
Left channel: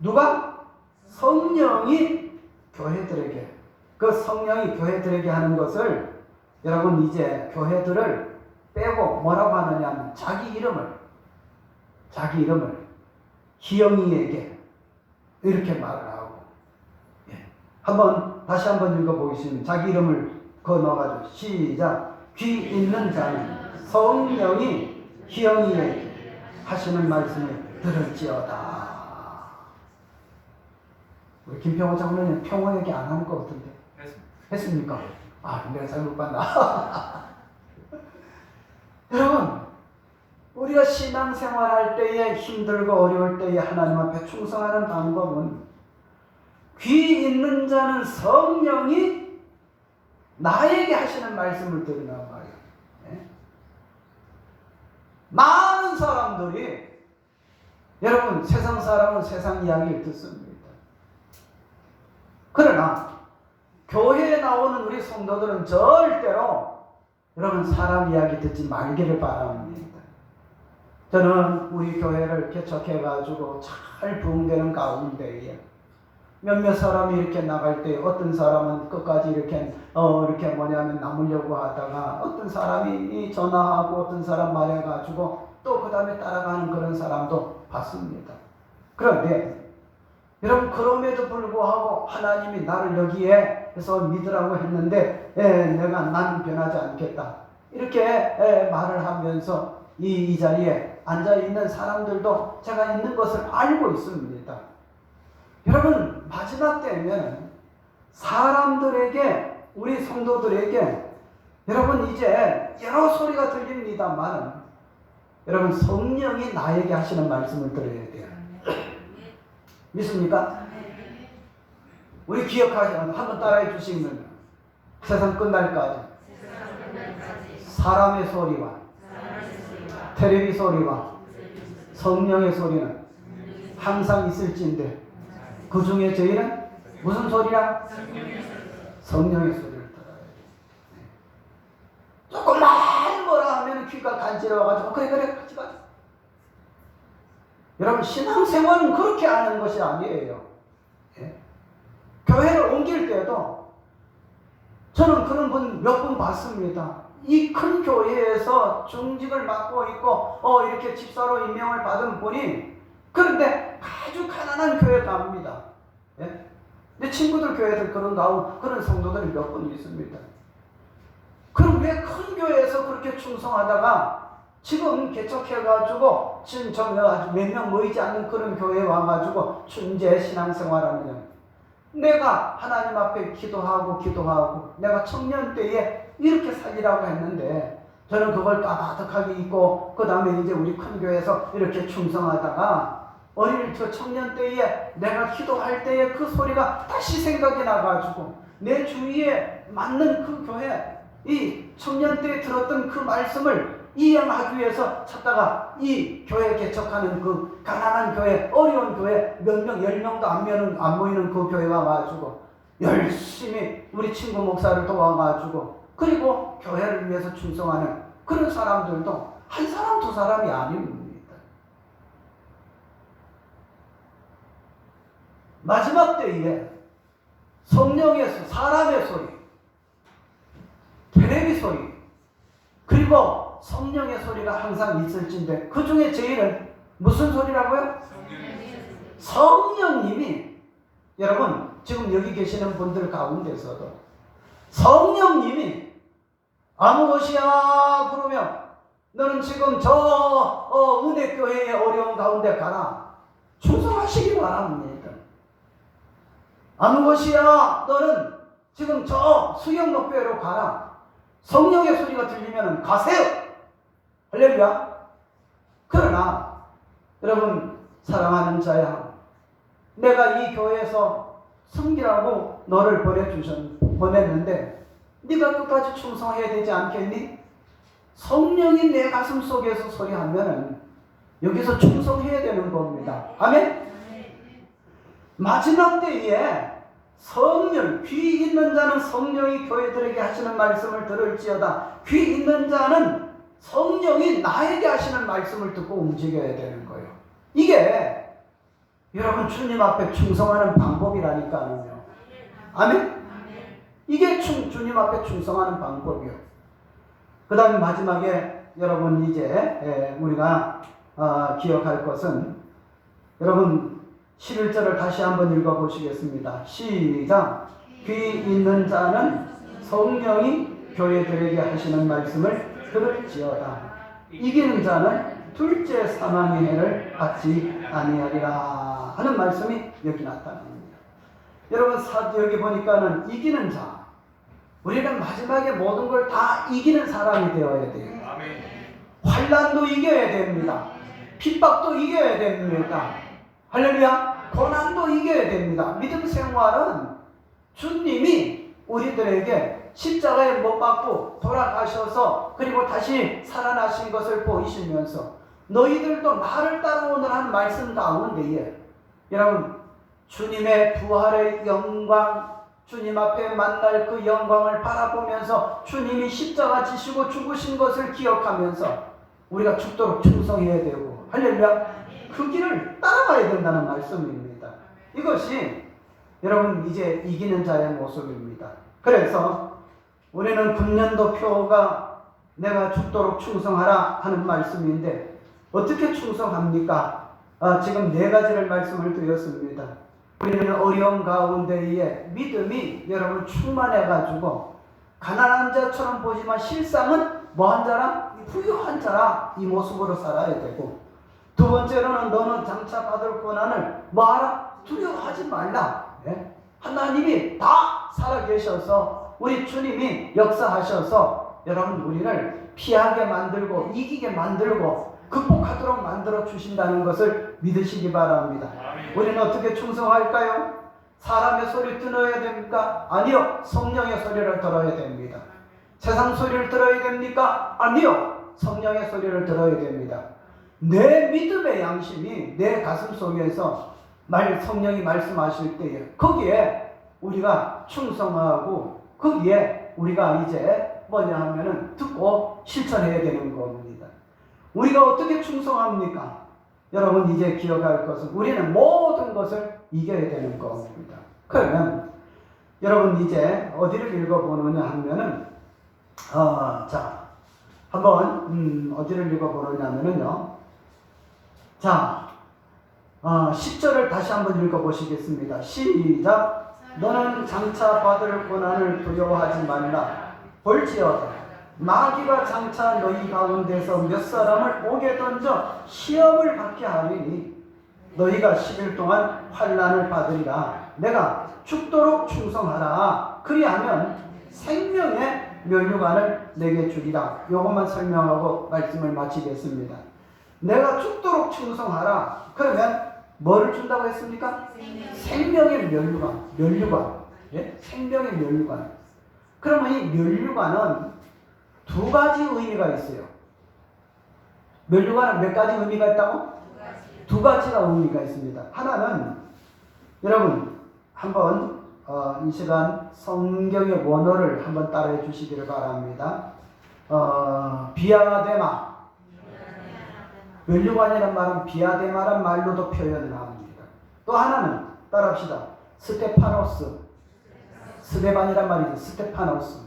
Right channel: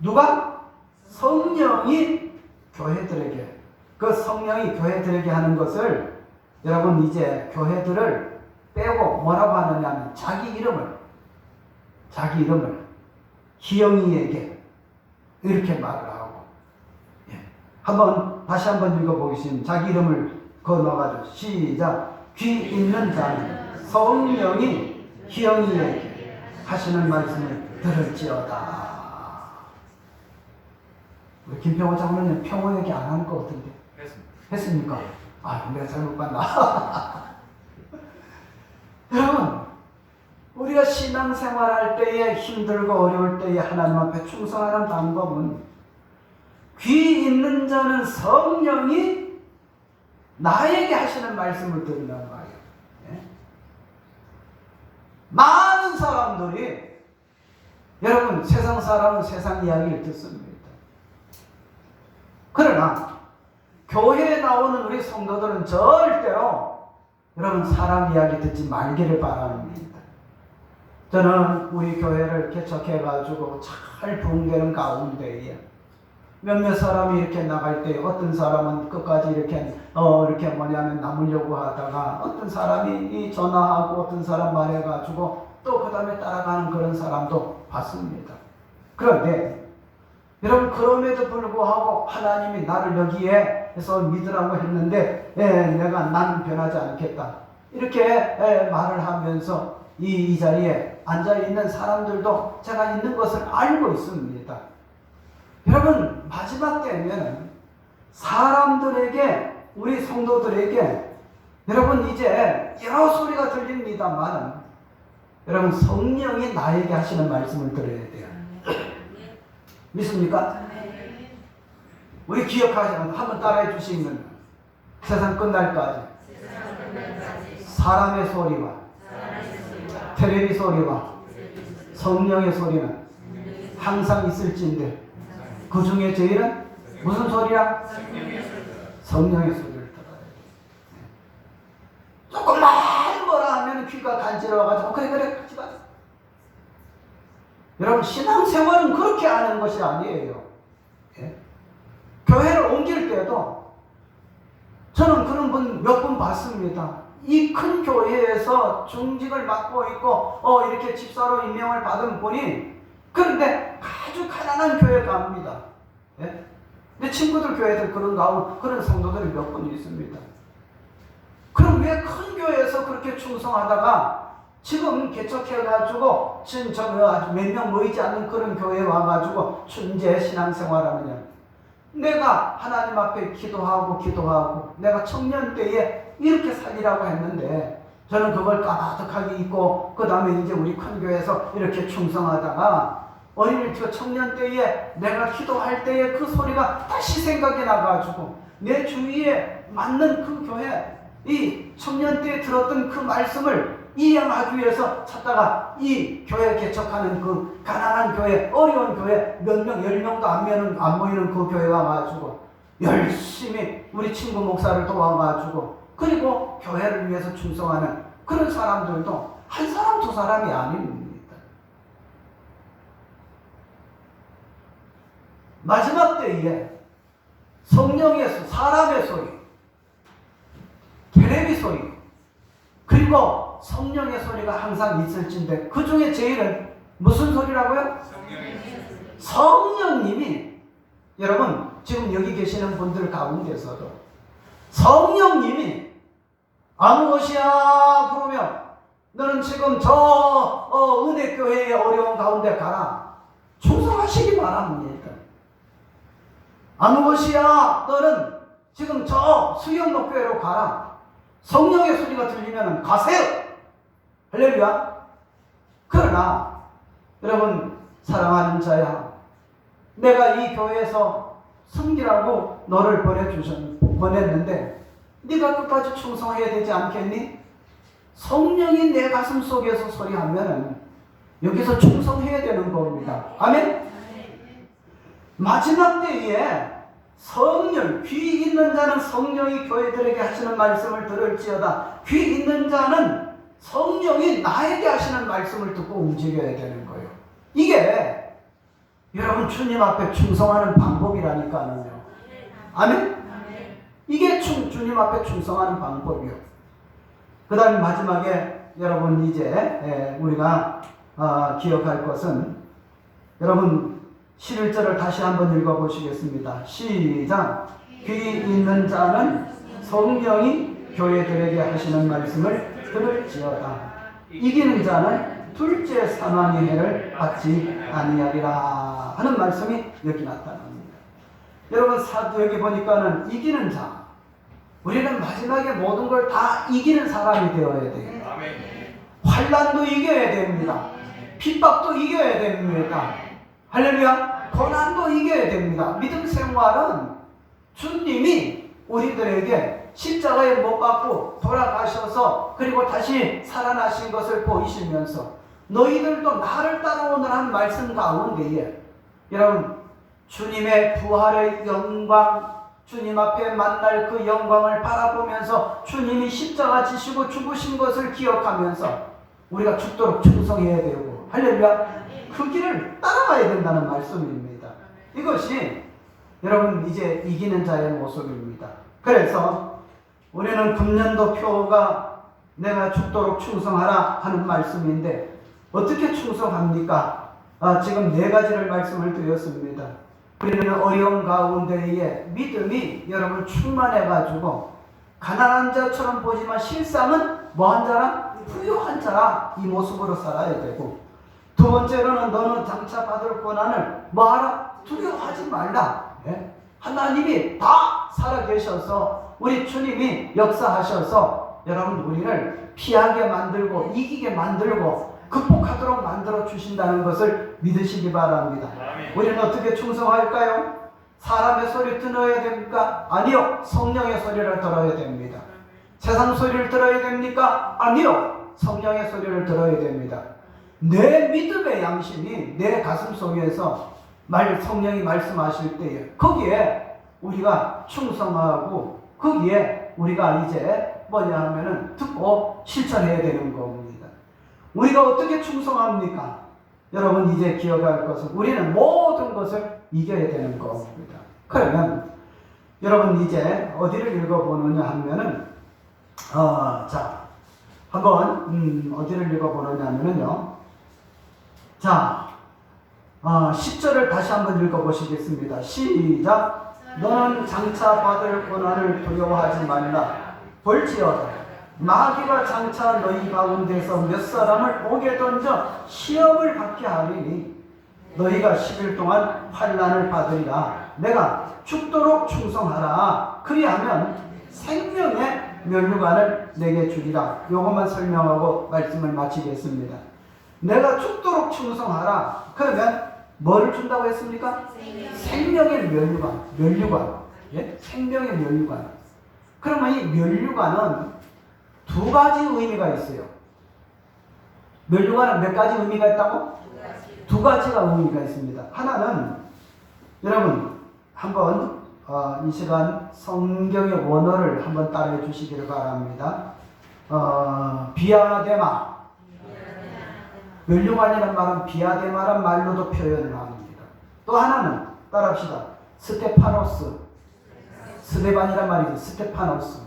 누가? 성령이 교회들에게. 그 성령이 교회들에게 하는 것을 여러분 이제 교회들을 빼고 뭐라고 하느냐면 자기 이름을 희영이에게 이렇게 말을 하고, 예. 다시 한번 읽어보겠습니다. 자기 이름을 거놓아가지고 시작. 귀 있는 자는 성령이 희영이에게 하시는 말씀을 들을지어다. 우리 김평호 장로님 평호 얘기 안 하는 것 같은데 했습니까? 아, 내가 잘못 봤나? 여러분, 우리가 신앙생활할 때에 힘들고 어려울 때에 하나님 앞에 충성하는 방법은 귀 있는 자는 성령이 나에게 하시는 말씀을 들으란 말이에요. 예? 많은 사람들이, 여러분, 세상 사람은 세상 이야기를 듣습니다. 그러나 교회에 나오는 우리 성도들은 절대로 여러분 사람 이야기 듣지 말기를 바랍니다. 저는 우리 교회를 개척해가지고 잘 부흥되는 가운데에 몇몇 사람이 이렇게 나갈 때 어떤 사람은 끝까지 이렇게 남으려고 하다가 어떤 사람이 전화하고 어떤 사람 말해가지고 또 그 다음에 따라가는 그런 사람도 봤습니다. 그런데 여러분 그럼에도 불구하고 하나님이 나를 여기에 해서 믿으라고 했는데 나는 변하지 않겠다 이렇게 말을 하면서 이 자리에 앉아있는 사람들도 제가 있는 것을 알고 있습니다. 여러분 마지막 때면 사람들에게 우리 성도들에게 여러분 이제 여러 소리가 들립니다만 여러분 성령이 나에게 하시는 말씀을 들어야 돼요. 믿습니까? 우리 기억하시면 한번 따라해 주시면 세상 끝날까지 사람의 소리와 텔레비 소리와 성령의 소리는 항상 있을진데 그 중에 제일은 무슨 소리야? 성령의 소리를 들어야 돼. 조금만 뭐라 하면 귀가 간지러워가지고 그래 같이 가자. 여러분 신앙생활은 그렇게 하는 것이 아니에요. 예? 교회를 옮길 때도 저는 그런 분 몇 분 봤습니다. 이 큰 교회에서 중직을 맡고 있고 이렇게 집사로 임명을 받은 분이 그런데 아주 가난한 교회 갑니다. 예? 내 친구들 교회들 그런 성도들이 몇 분 있습니다. 그럼 왜 큰 교회에서 그렇게 충성하다가 지금 개척해가지고 지금 아주 몇 명 모이지 않는 그런 교회에 와가지고 춘제 신앙생활하느냐. 내가 하나님 앞에 기도하고 내가 청년 때에 이렇게 살리라고 했는데 저는 그걸 까마득하게 잊고 그 다음에 이제 우리 큰 교회에서 이렇게 충성하다가 어린이 청년 때에 내가 기도할 때에 그 소리가 다시 생각이 나가지고 내 주위에 맞는 그 교회 이 청년 때에 들었던 그 말씀을 이행하기 위해서 찾다가 이 교회 개척하는 그 가난한 교회, 어려운 교회 몇 명, 10명도 안 모이는 그 교회 와가지고 열심히 우리 친구 목사를 도와가지고 그리고 교회를 위해서 충성하는 그런 사람들도 한 사람 두 사람이 아닙니다. 마지막 때에 성령의 소리, 사람의 소리, 계레비 소리, 그리고 성령의 소리가 항상 있을진데 그 중에 제일은 무슨 소리라고요? 성령님이, 여러분 지금 여기 계시는 분들 가운데서도 성령님이 아무 것이야 그러면 너는 지금 저 은혜교회의 어려운 가운데 가라, 충성하시기 바랍니다. 아무 것이야 너는 지금 저 수영목교회로 가라, 성령의 소리가 들리면 가세요. 할렐루야. 그러나 여러분 사랑하는 자야, 내가 이 교회에서 섬기라고 너를 보냈는데 네가 끝까지 충성해야 되지 않겠니? 성령이 내 가슴 속에서 소리하면 여기서 충성해야 되는 겁니다. 아멘? 마지막 때에 성령, 귀 있는 자는 성령이 교회들에게 하시는 말씀을 들을지어다. 귀 있는 자는 성령이 나에게 하시는 말씀을 듣고 움직여야 되는 거예요. 이게 여러분 주님 앞에 충성하는 방법이라니까요. 아멘? 이게 주님 앞에 충성하는 방법이에요. 그 다음에 마지막에 여러분 이제 우리가 기억할 것은, 여러분 11절을 다시 한번 읽어보시겠습니다. 시작. 귀 있는 자는 성령이 교회들에게 하시는 말씀을 들을지어다. 이기는 자는 둘째 사망의 해를 받지 아니하리라 하는 말씀이 여기 나타납니다. 여러분 여기 보니까는 이기는 자, 우리는 마지막에 모든 걸 다 이기는 사람이 되어야 돼요. 환난도 이겨야 됩니다. 핍박도 이겨야 됩니다. 할렐루야. 고난도 이겨야 됩니다. 믿음 생활은 주님이 우리들에게 십자가에 못 박고 돌아가셔서 그리고 다시 살아나신 것을 보이시면서 너희들도 나를 따라오는 한 말씀 가운데에 여러분 주님의 부활의 영광, 주님 앞에 만날 그 영광을 바라보면서 주님이 십자가 지시고 죽으신 것을 기억하면서 우리가 죽도록 충성해야 되고, 할렐루야, 그 길을 따라가야 된다는 말씀입니다. 이것이 여러분 이제 이기는 자의 모습입니다. 그래서 우리는 금년도 표가 내가 죽도록 충성하라 하는 말씀인데 어떻게 충성합니까? 지금 네 가지를 말씀을 드렸습니다. 우리는 어려운 가운데에 믿음이 여러분 충만해가지고 가난한 자처럼 보지만 실상은 뭐한 자라? 부유한 자라, 이 모습으로 살아야 되고, 두 번째로는 너는 장차 받을 고난을 뭐하라? 두려워하지 말라. 하나님이 다 살아계셔서 우리 주님이 역사하셔서 여러분 우리를 피하게 만들고 이기게 만들고 극복하도록 만들어 주신다는 것을 믿으시기 바랍니다. 우리는 어떻게 충성할까요? 사람의 소리 들어야 됩니까? 아니요. 성령의 소리를 들어야 됩니다. 세상 소리를 들어야 됩니까? 아니요. 성령의 소리를 들어야 됩니다. 내 믿음의 양심이 내 가슴 속에서 성령이 말씀하실 때에 거기에 우리가 충성하고 거기에 우리가 이제 뭐냐 하면은 듣고 실천해야 되는 겁니다. 우리가 어떻게 충성합니까? 여러분 이제 기억할 것은 우리는 모든 것을 이겨야 되는 겁니다. 그러면 여러분 이제 어디를 읽어보느냐 하면은 자 한번 어디를 읽어보느냐 하면은요, 자 10절을 다시 한번 읽어보시겠습니다. 시작. 너는 장차 받을 고난을 두려워하지 말라. 볼지어다 마귀가 장차 너희 가운데서 몇 사람을 옥에 던져 시험을 받게 하리니 너희가 10일 동안 환난을 받으리라. 내가 죽도록 충성하라. 그리하면 생명의 면류관을 내게 주리라. 요것만 설명하고 말씀을 마치겠습니다. 내가 죽도록 충성하라. 그러면 뭐를 준다고 했습니까? 생명의 면류관. 예? 생명의 면류관. 그러면 이 면류관은 두 가지 의미가 있어요. 면류관은 몇 가지 의미가 있다고? 두 가지가 의미가 있습니다. 하나는 여러분 한번 이 시간 성경의 원어를 한번 따라해 주시기를 바랍니다. 비아데마. 면류관이라는 말은 비아데마란 말로도 표현을 합니다. 또 하나는 따라합시다. 스테파노스. 스데반이란 말이죠. 스테파노스.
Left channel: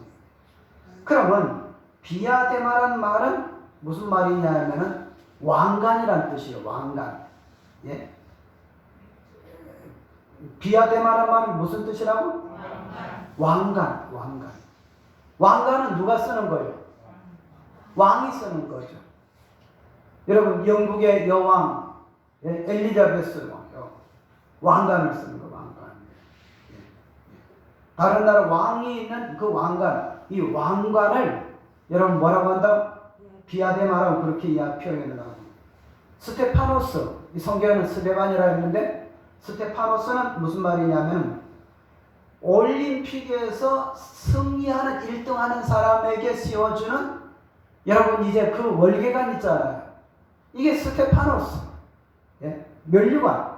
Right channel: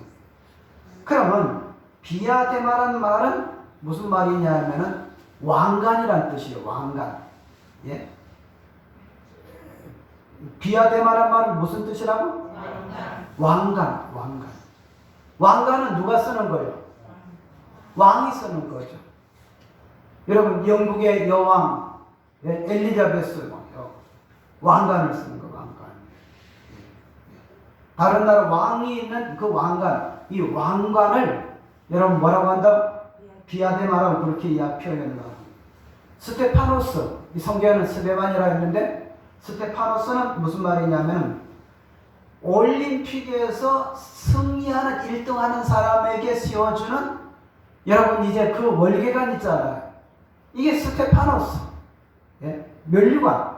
그러면 비아데마란 말은 무슨 말이냐 하면은 왕관이란 뜻이에요. 왕관. 예? 비아데마란 말은 무슨 뜻이라고? 왕관. 왕관. 왕관은 누가 쓰는 거예요? 왕이 쓰는 거죠. 여러분 영국의 여왕 엘리자베스 왕관을 쓰는 거 왕관. 다른 나라 왕이 있는 그 왕관, 이 왕관을 여러분 뭐라고 한다? 비아데마라고 그렇게 표현한다. 스테파노스, 이 성경에는 스데반이라 했는데 스테파노스는 무슨 말이냐면 올림픽에서 승리하는 1등하는 사람에게 씌워주는 여러분 이제 그 월계관 있잖아요. 이게 스테파노스, 예? 면류관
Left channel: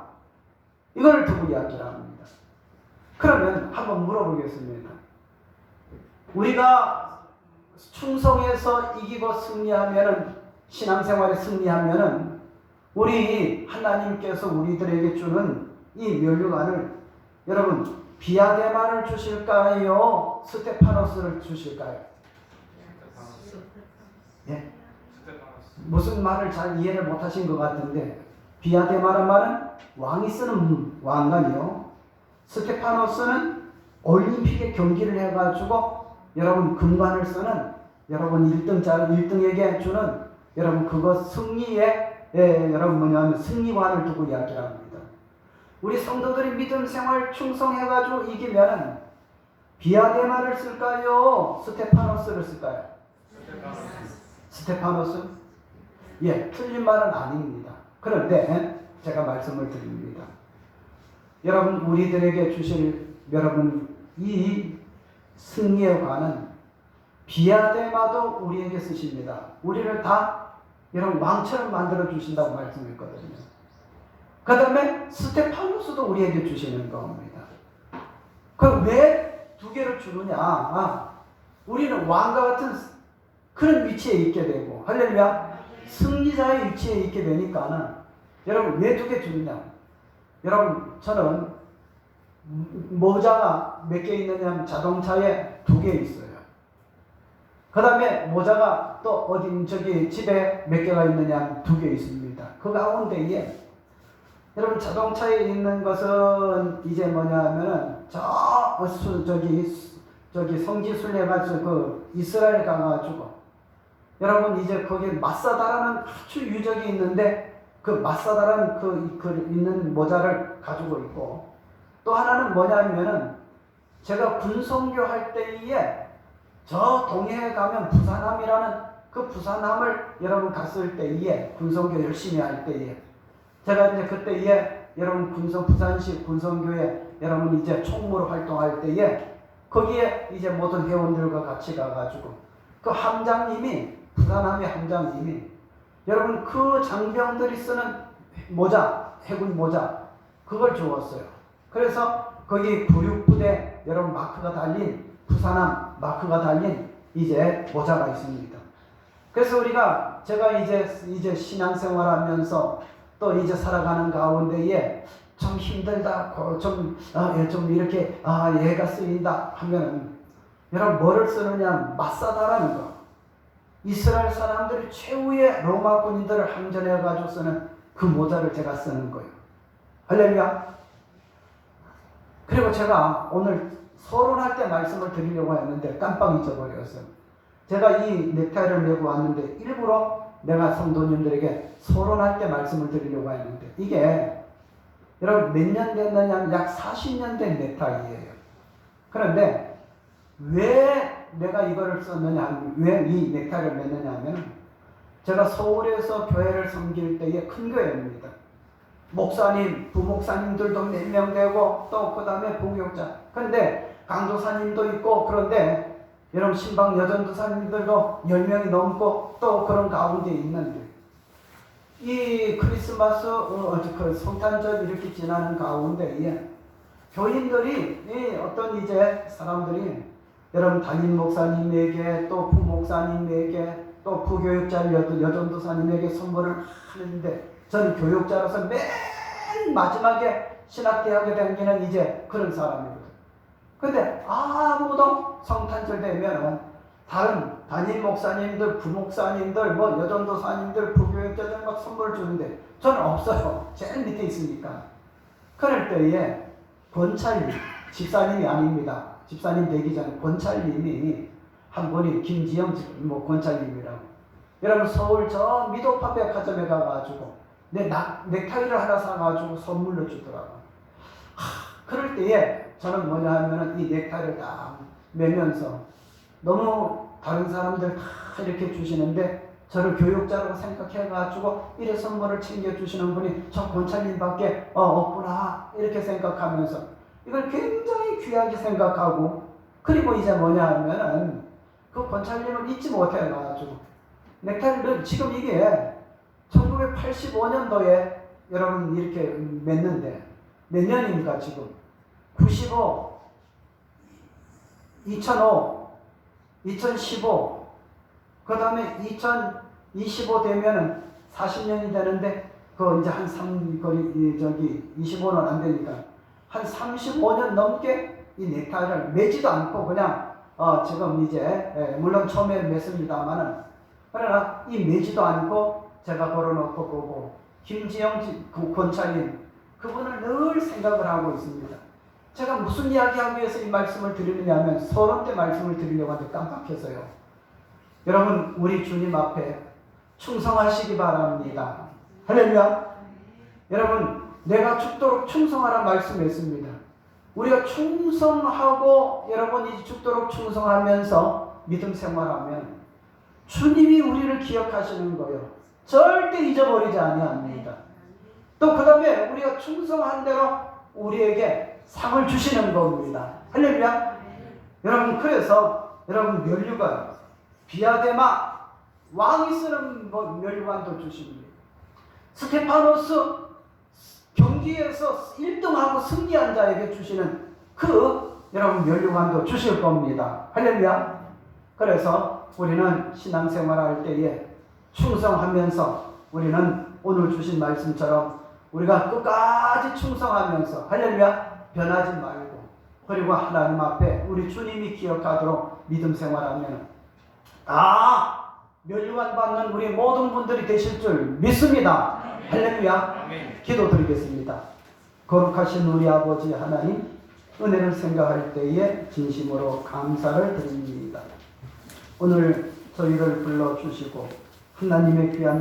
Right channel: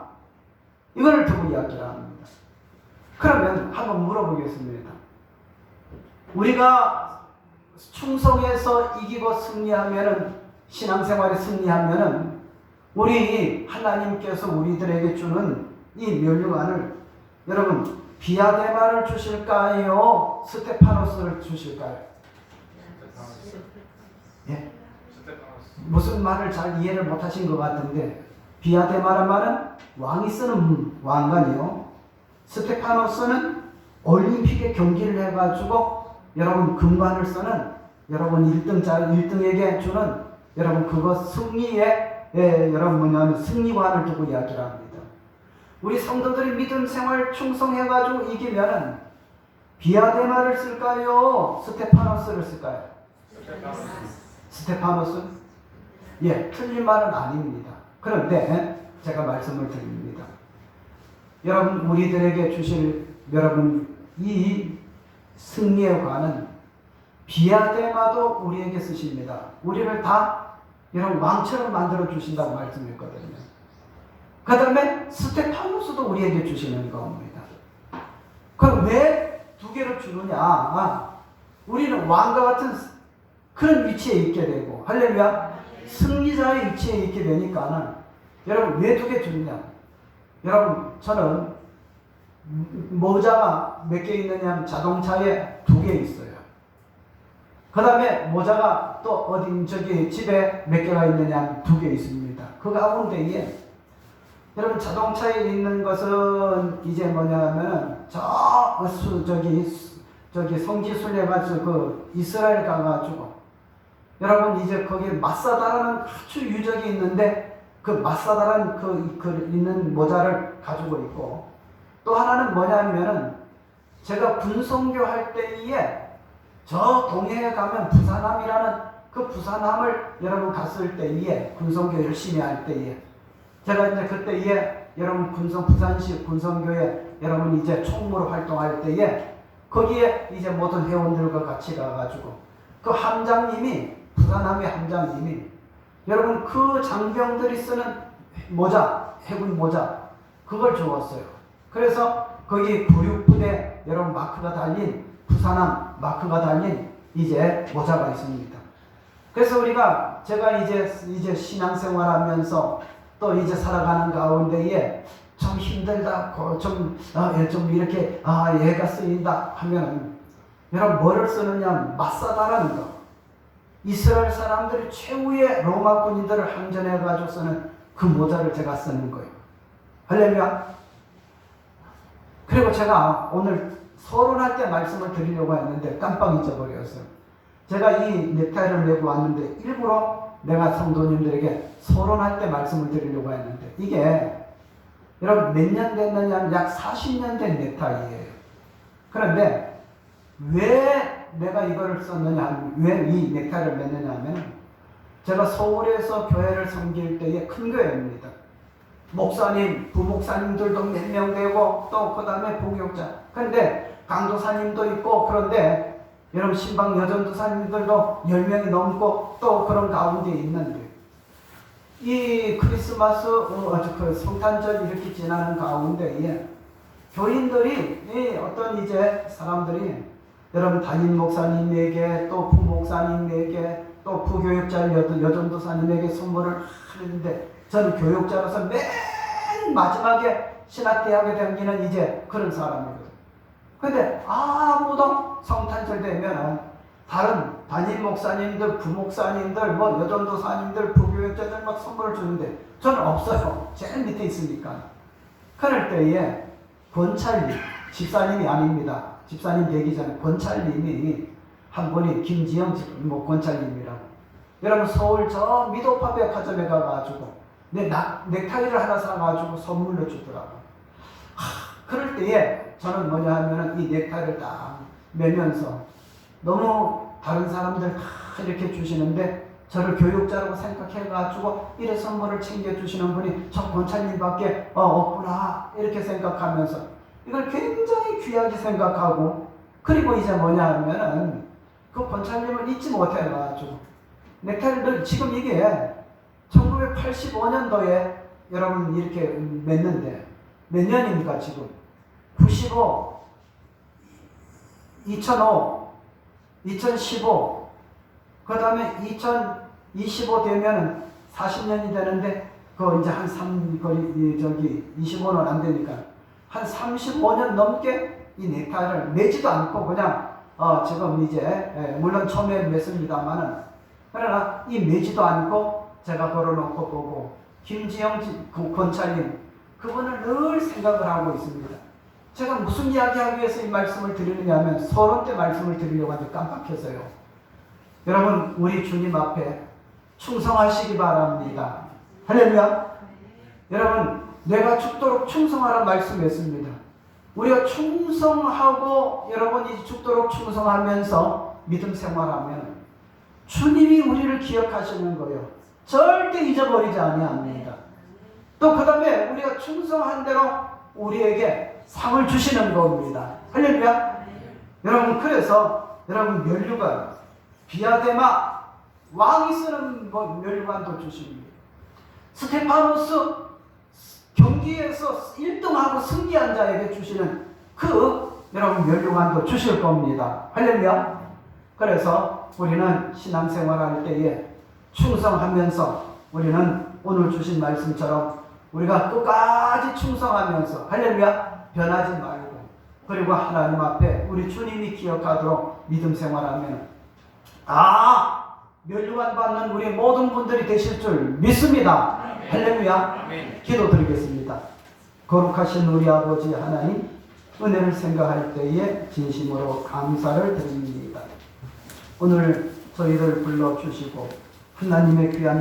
이걸 두고 이야기를 합니다. 그러면 한번 물어보겠습니다. 우리가 충성해서 이기고 승리하면은 신앙생활에 승리하면은 우리 하나님께서 우리들에게 주는 이 면류관을 여러분 비아데마를 주실까요? 스테파노스를 주실까요? 예? 무슨 말을 잘 이해를 못하신 것 같은데 비아데마란 말은 왕이 쓰는 왕관이요. 스테파노스는 올림픽에 경기를 해가지고 여러분 금관을 쓰는 여러분 1등에게 주는 여러분 그것 승리에 여러분 뭐냐면 승리관을 두고 이야기를 합니다. 우리 성도들이 믿음 생활 충성해가지고 이기면 비아데마를 쓸까요? 스테파노스를 쓸까요? 스테파노스? 예, 틀린 말은 아닙니다. 그런데 제가 말씀을 드립니다. 여러분 우리들에게 주실 여러분 이 승리에 관한 비아데마도 우리에게 쓰십니다. 우리를 다 여러분 왕처럼 만들어 주신다고 말씀했거든요. 그 다음에 스테파노스도 우리에게 주시는 겁니다. 그럼 왜 두 개를 주느냐? 우리는 왕과 같은 그런 위치에 있게 되고 할렐루야 승리자의 위치에 있게 되니까는 여러분 왜 두 개 주느냐? 여러분 저는 모자가 몇 개 있느냐? 자동차에 2개 있어요. 그 다음에 모자가 또 어디 저기 집에 몇 개가 있느냐? 2개 있습니다. 그 가운데에 여러분 자동차에 있는 것은 이제 뭐냐면 저기 성지순례 가서 그 이스라엘 가가지고 여러분 이제 거기에 마사다라는 아주 유적이 있는데 그 마사다라는 그 있는 모자를 가지고 있고 또 하나는 뭐냐면은 제가 군성교 할 때에 저 동해에 가면 부산함이라는 그 부산함을 여러분 갔을 때에 군성교 열심히 할 때에 제가 이제 그때에 여러분 부산시 군성교에 여러분 이제 총무로 활동할 때에 거기에 이제 모든 회원들과 같이 가가지고 그 함장님이 부산함의 함장님이 여러분 그 장병들이 쓰는 모자 해군 모자 그걸 주었어요. 그래서 거기 구육부대 여러분 마크가 달린 부산함 마크가 달린 이제 모자가 있습니다. 그래서 제가 이제 신앙생활하면서 또 이제 살아가는 가운데에 좀 힘들다, 좀 이렇게 얘가 쓰인다 하면은 여러분 뭐를 쓰느냐? 마사다라는 거. 이스라엘 사람들이 최후의 로마 군인들을 항전해 가지고 쓰는 그 모자를 제가 쓰는 거예요. 할렐루야. 그리고 제가 오늘 서론할 때 말씀을 드리려고 했는데 깜빡 잊어버렸어요. 제가 이 넥타이를 메고 왔는데 일부러 내가 성도님들에게 서론할 때 말씀을 드리려고 했는데 이게 여러분 몇 년 됐느냐면 약 40년 된 넥타이예요. 그런데 왜 내가 이거를 썼느냐, 왜 이 넥타이를 맸느냐 하면 제가 서울에서 교회를 섬길 때의 큰 교회입니다. 목사님, 부목사님들도 몇 명 되고 또 그 다음에 부교육자. 그런데 강도사님도 있고 그런데 여러분 신방 여전도사님들도 10명이 넘고 또 그런 가운데 있는데 이 크리스마스 그 성탄절 이렇게 지나는 가운데에 교인들이 어떤 이제 사람들이 여러분 담임 목사님에게 또 부목사님에게 또 부교육자 여전도사님에게 선물을 하는데 저는 교육자로서 맨 마지막에 신학대학에 다니는 이제 그런 사람이거든요. 근데 아무도 성탄절 되면 다른 담임 목사님들, 부목사님들, 뭐 여전도사님들, 부교육자들 막 선물을 주는데 저는 없어요. 제일 밑에 있으니까. 그럴 때에 권찰리, 집사님이 아닙니다. 집사님 되기 전에 권찰님이 한 분이 김지영 뭐 권찰님이라고. 여러분 서울 저 미도파 백화점에 가가지고 내 넥타이를 하나 사가지고 선물로 주더라고. 그럴 때에 저는 뭐냐 하면은 이 넥타이를 딱 매면서 너무 다른 사람들 다 이렇게 주시는데 저를 교육자라고 생각해가지고 이런 선물을 챙겨주시는 분이 저 권찰님밖에 없구나 이렇게 생각하면서 이걸 굉장히 귀하게 생각하고 그리고 이제 뭐냐 하면은 그 권찰님을 잊지 못해가지고 넥타이를 지금 이게 1985년도에 여러분 이렇게 맺는데 몇 년입니까 지금? 95, 2005, 2015, 그 다음에 2025 되면은 40년이 되는데, 그 이제 한 25는 안 되니까, 한 35년 넘게 이 넥타이를 매지도 않고 그냥, 지금 이제, 물론 처음에 맸습니다만은, 그러나 이 매지도 않고 제가 걸어놓고 보고, 김지영 권찰님, 그분을 늘 생각을 하고 있습니다. 제가 무슨 이야기하기 위해서 이 말씀을 드리느냐 하면 서론 때 말씀을 드리려고 하는데 깜빡했어요. 여러분 우리 주님 앞에 충성하시기 바랍니다. 할렐루야. 여러분 내가 죽도록 충성하라는 말씀했습니다. 우리가 충성하고 여러분이 죽도록 충성하면서 믿음 생활하면 주님이 우리를 기억하시는 거예요. 절대 잊어버리지 아니합니다. 또 그 다음에 우리가 충성한 대로 우리에게 상을 주시는 겁니다. 할렐루야. 여러분 그래서 여러분 면류관 비아데마 왕이 쓰는 면류관도 주십니다. 스테파노스 경기에서 1등하고 승리한 자에게 주시는 그 여러분 면류관도 주실 겁니다. 할렐루야. 그래서 우리는 신앙생활할 때에 충성하면서 우리는 오늘 주신 말씀처럼 우리가 끝까지 충성하면서 할렐루야 변하지 말고 그리고 하나님 앞에 우리 주님이 기억하도록 믿음 생활하면 면류관 받는 우리 모든 분들이 되실 줄 믿습니다. 아멘. 할렐루야. 아멘. 기도드리겠습니다. 거룩하신 우리 아버지 하나님 은혜를 생각할 때에 진심으로 감사를 드립니다. 오늘 저희를 불러주시고 하나님의 귀한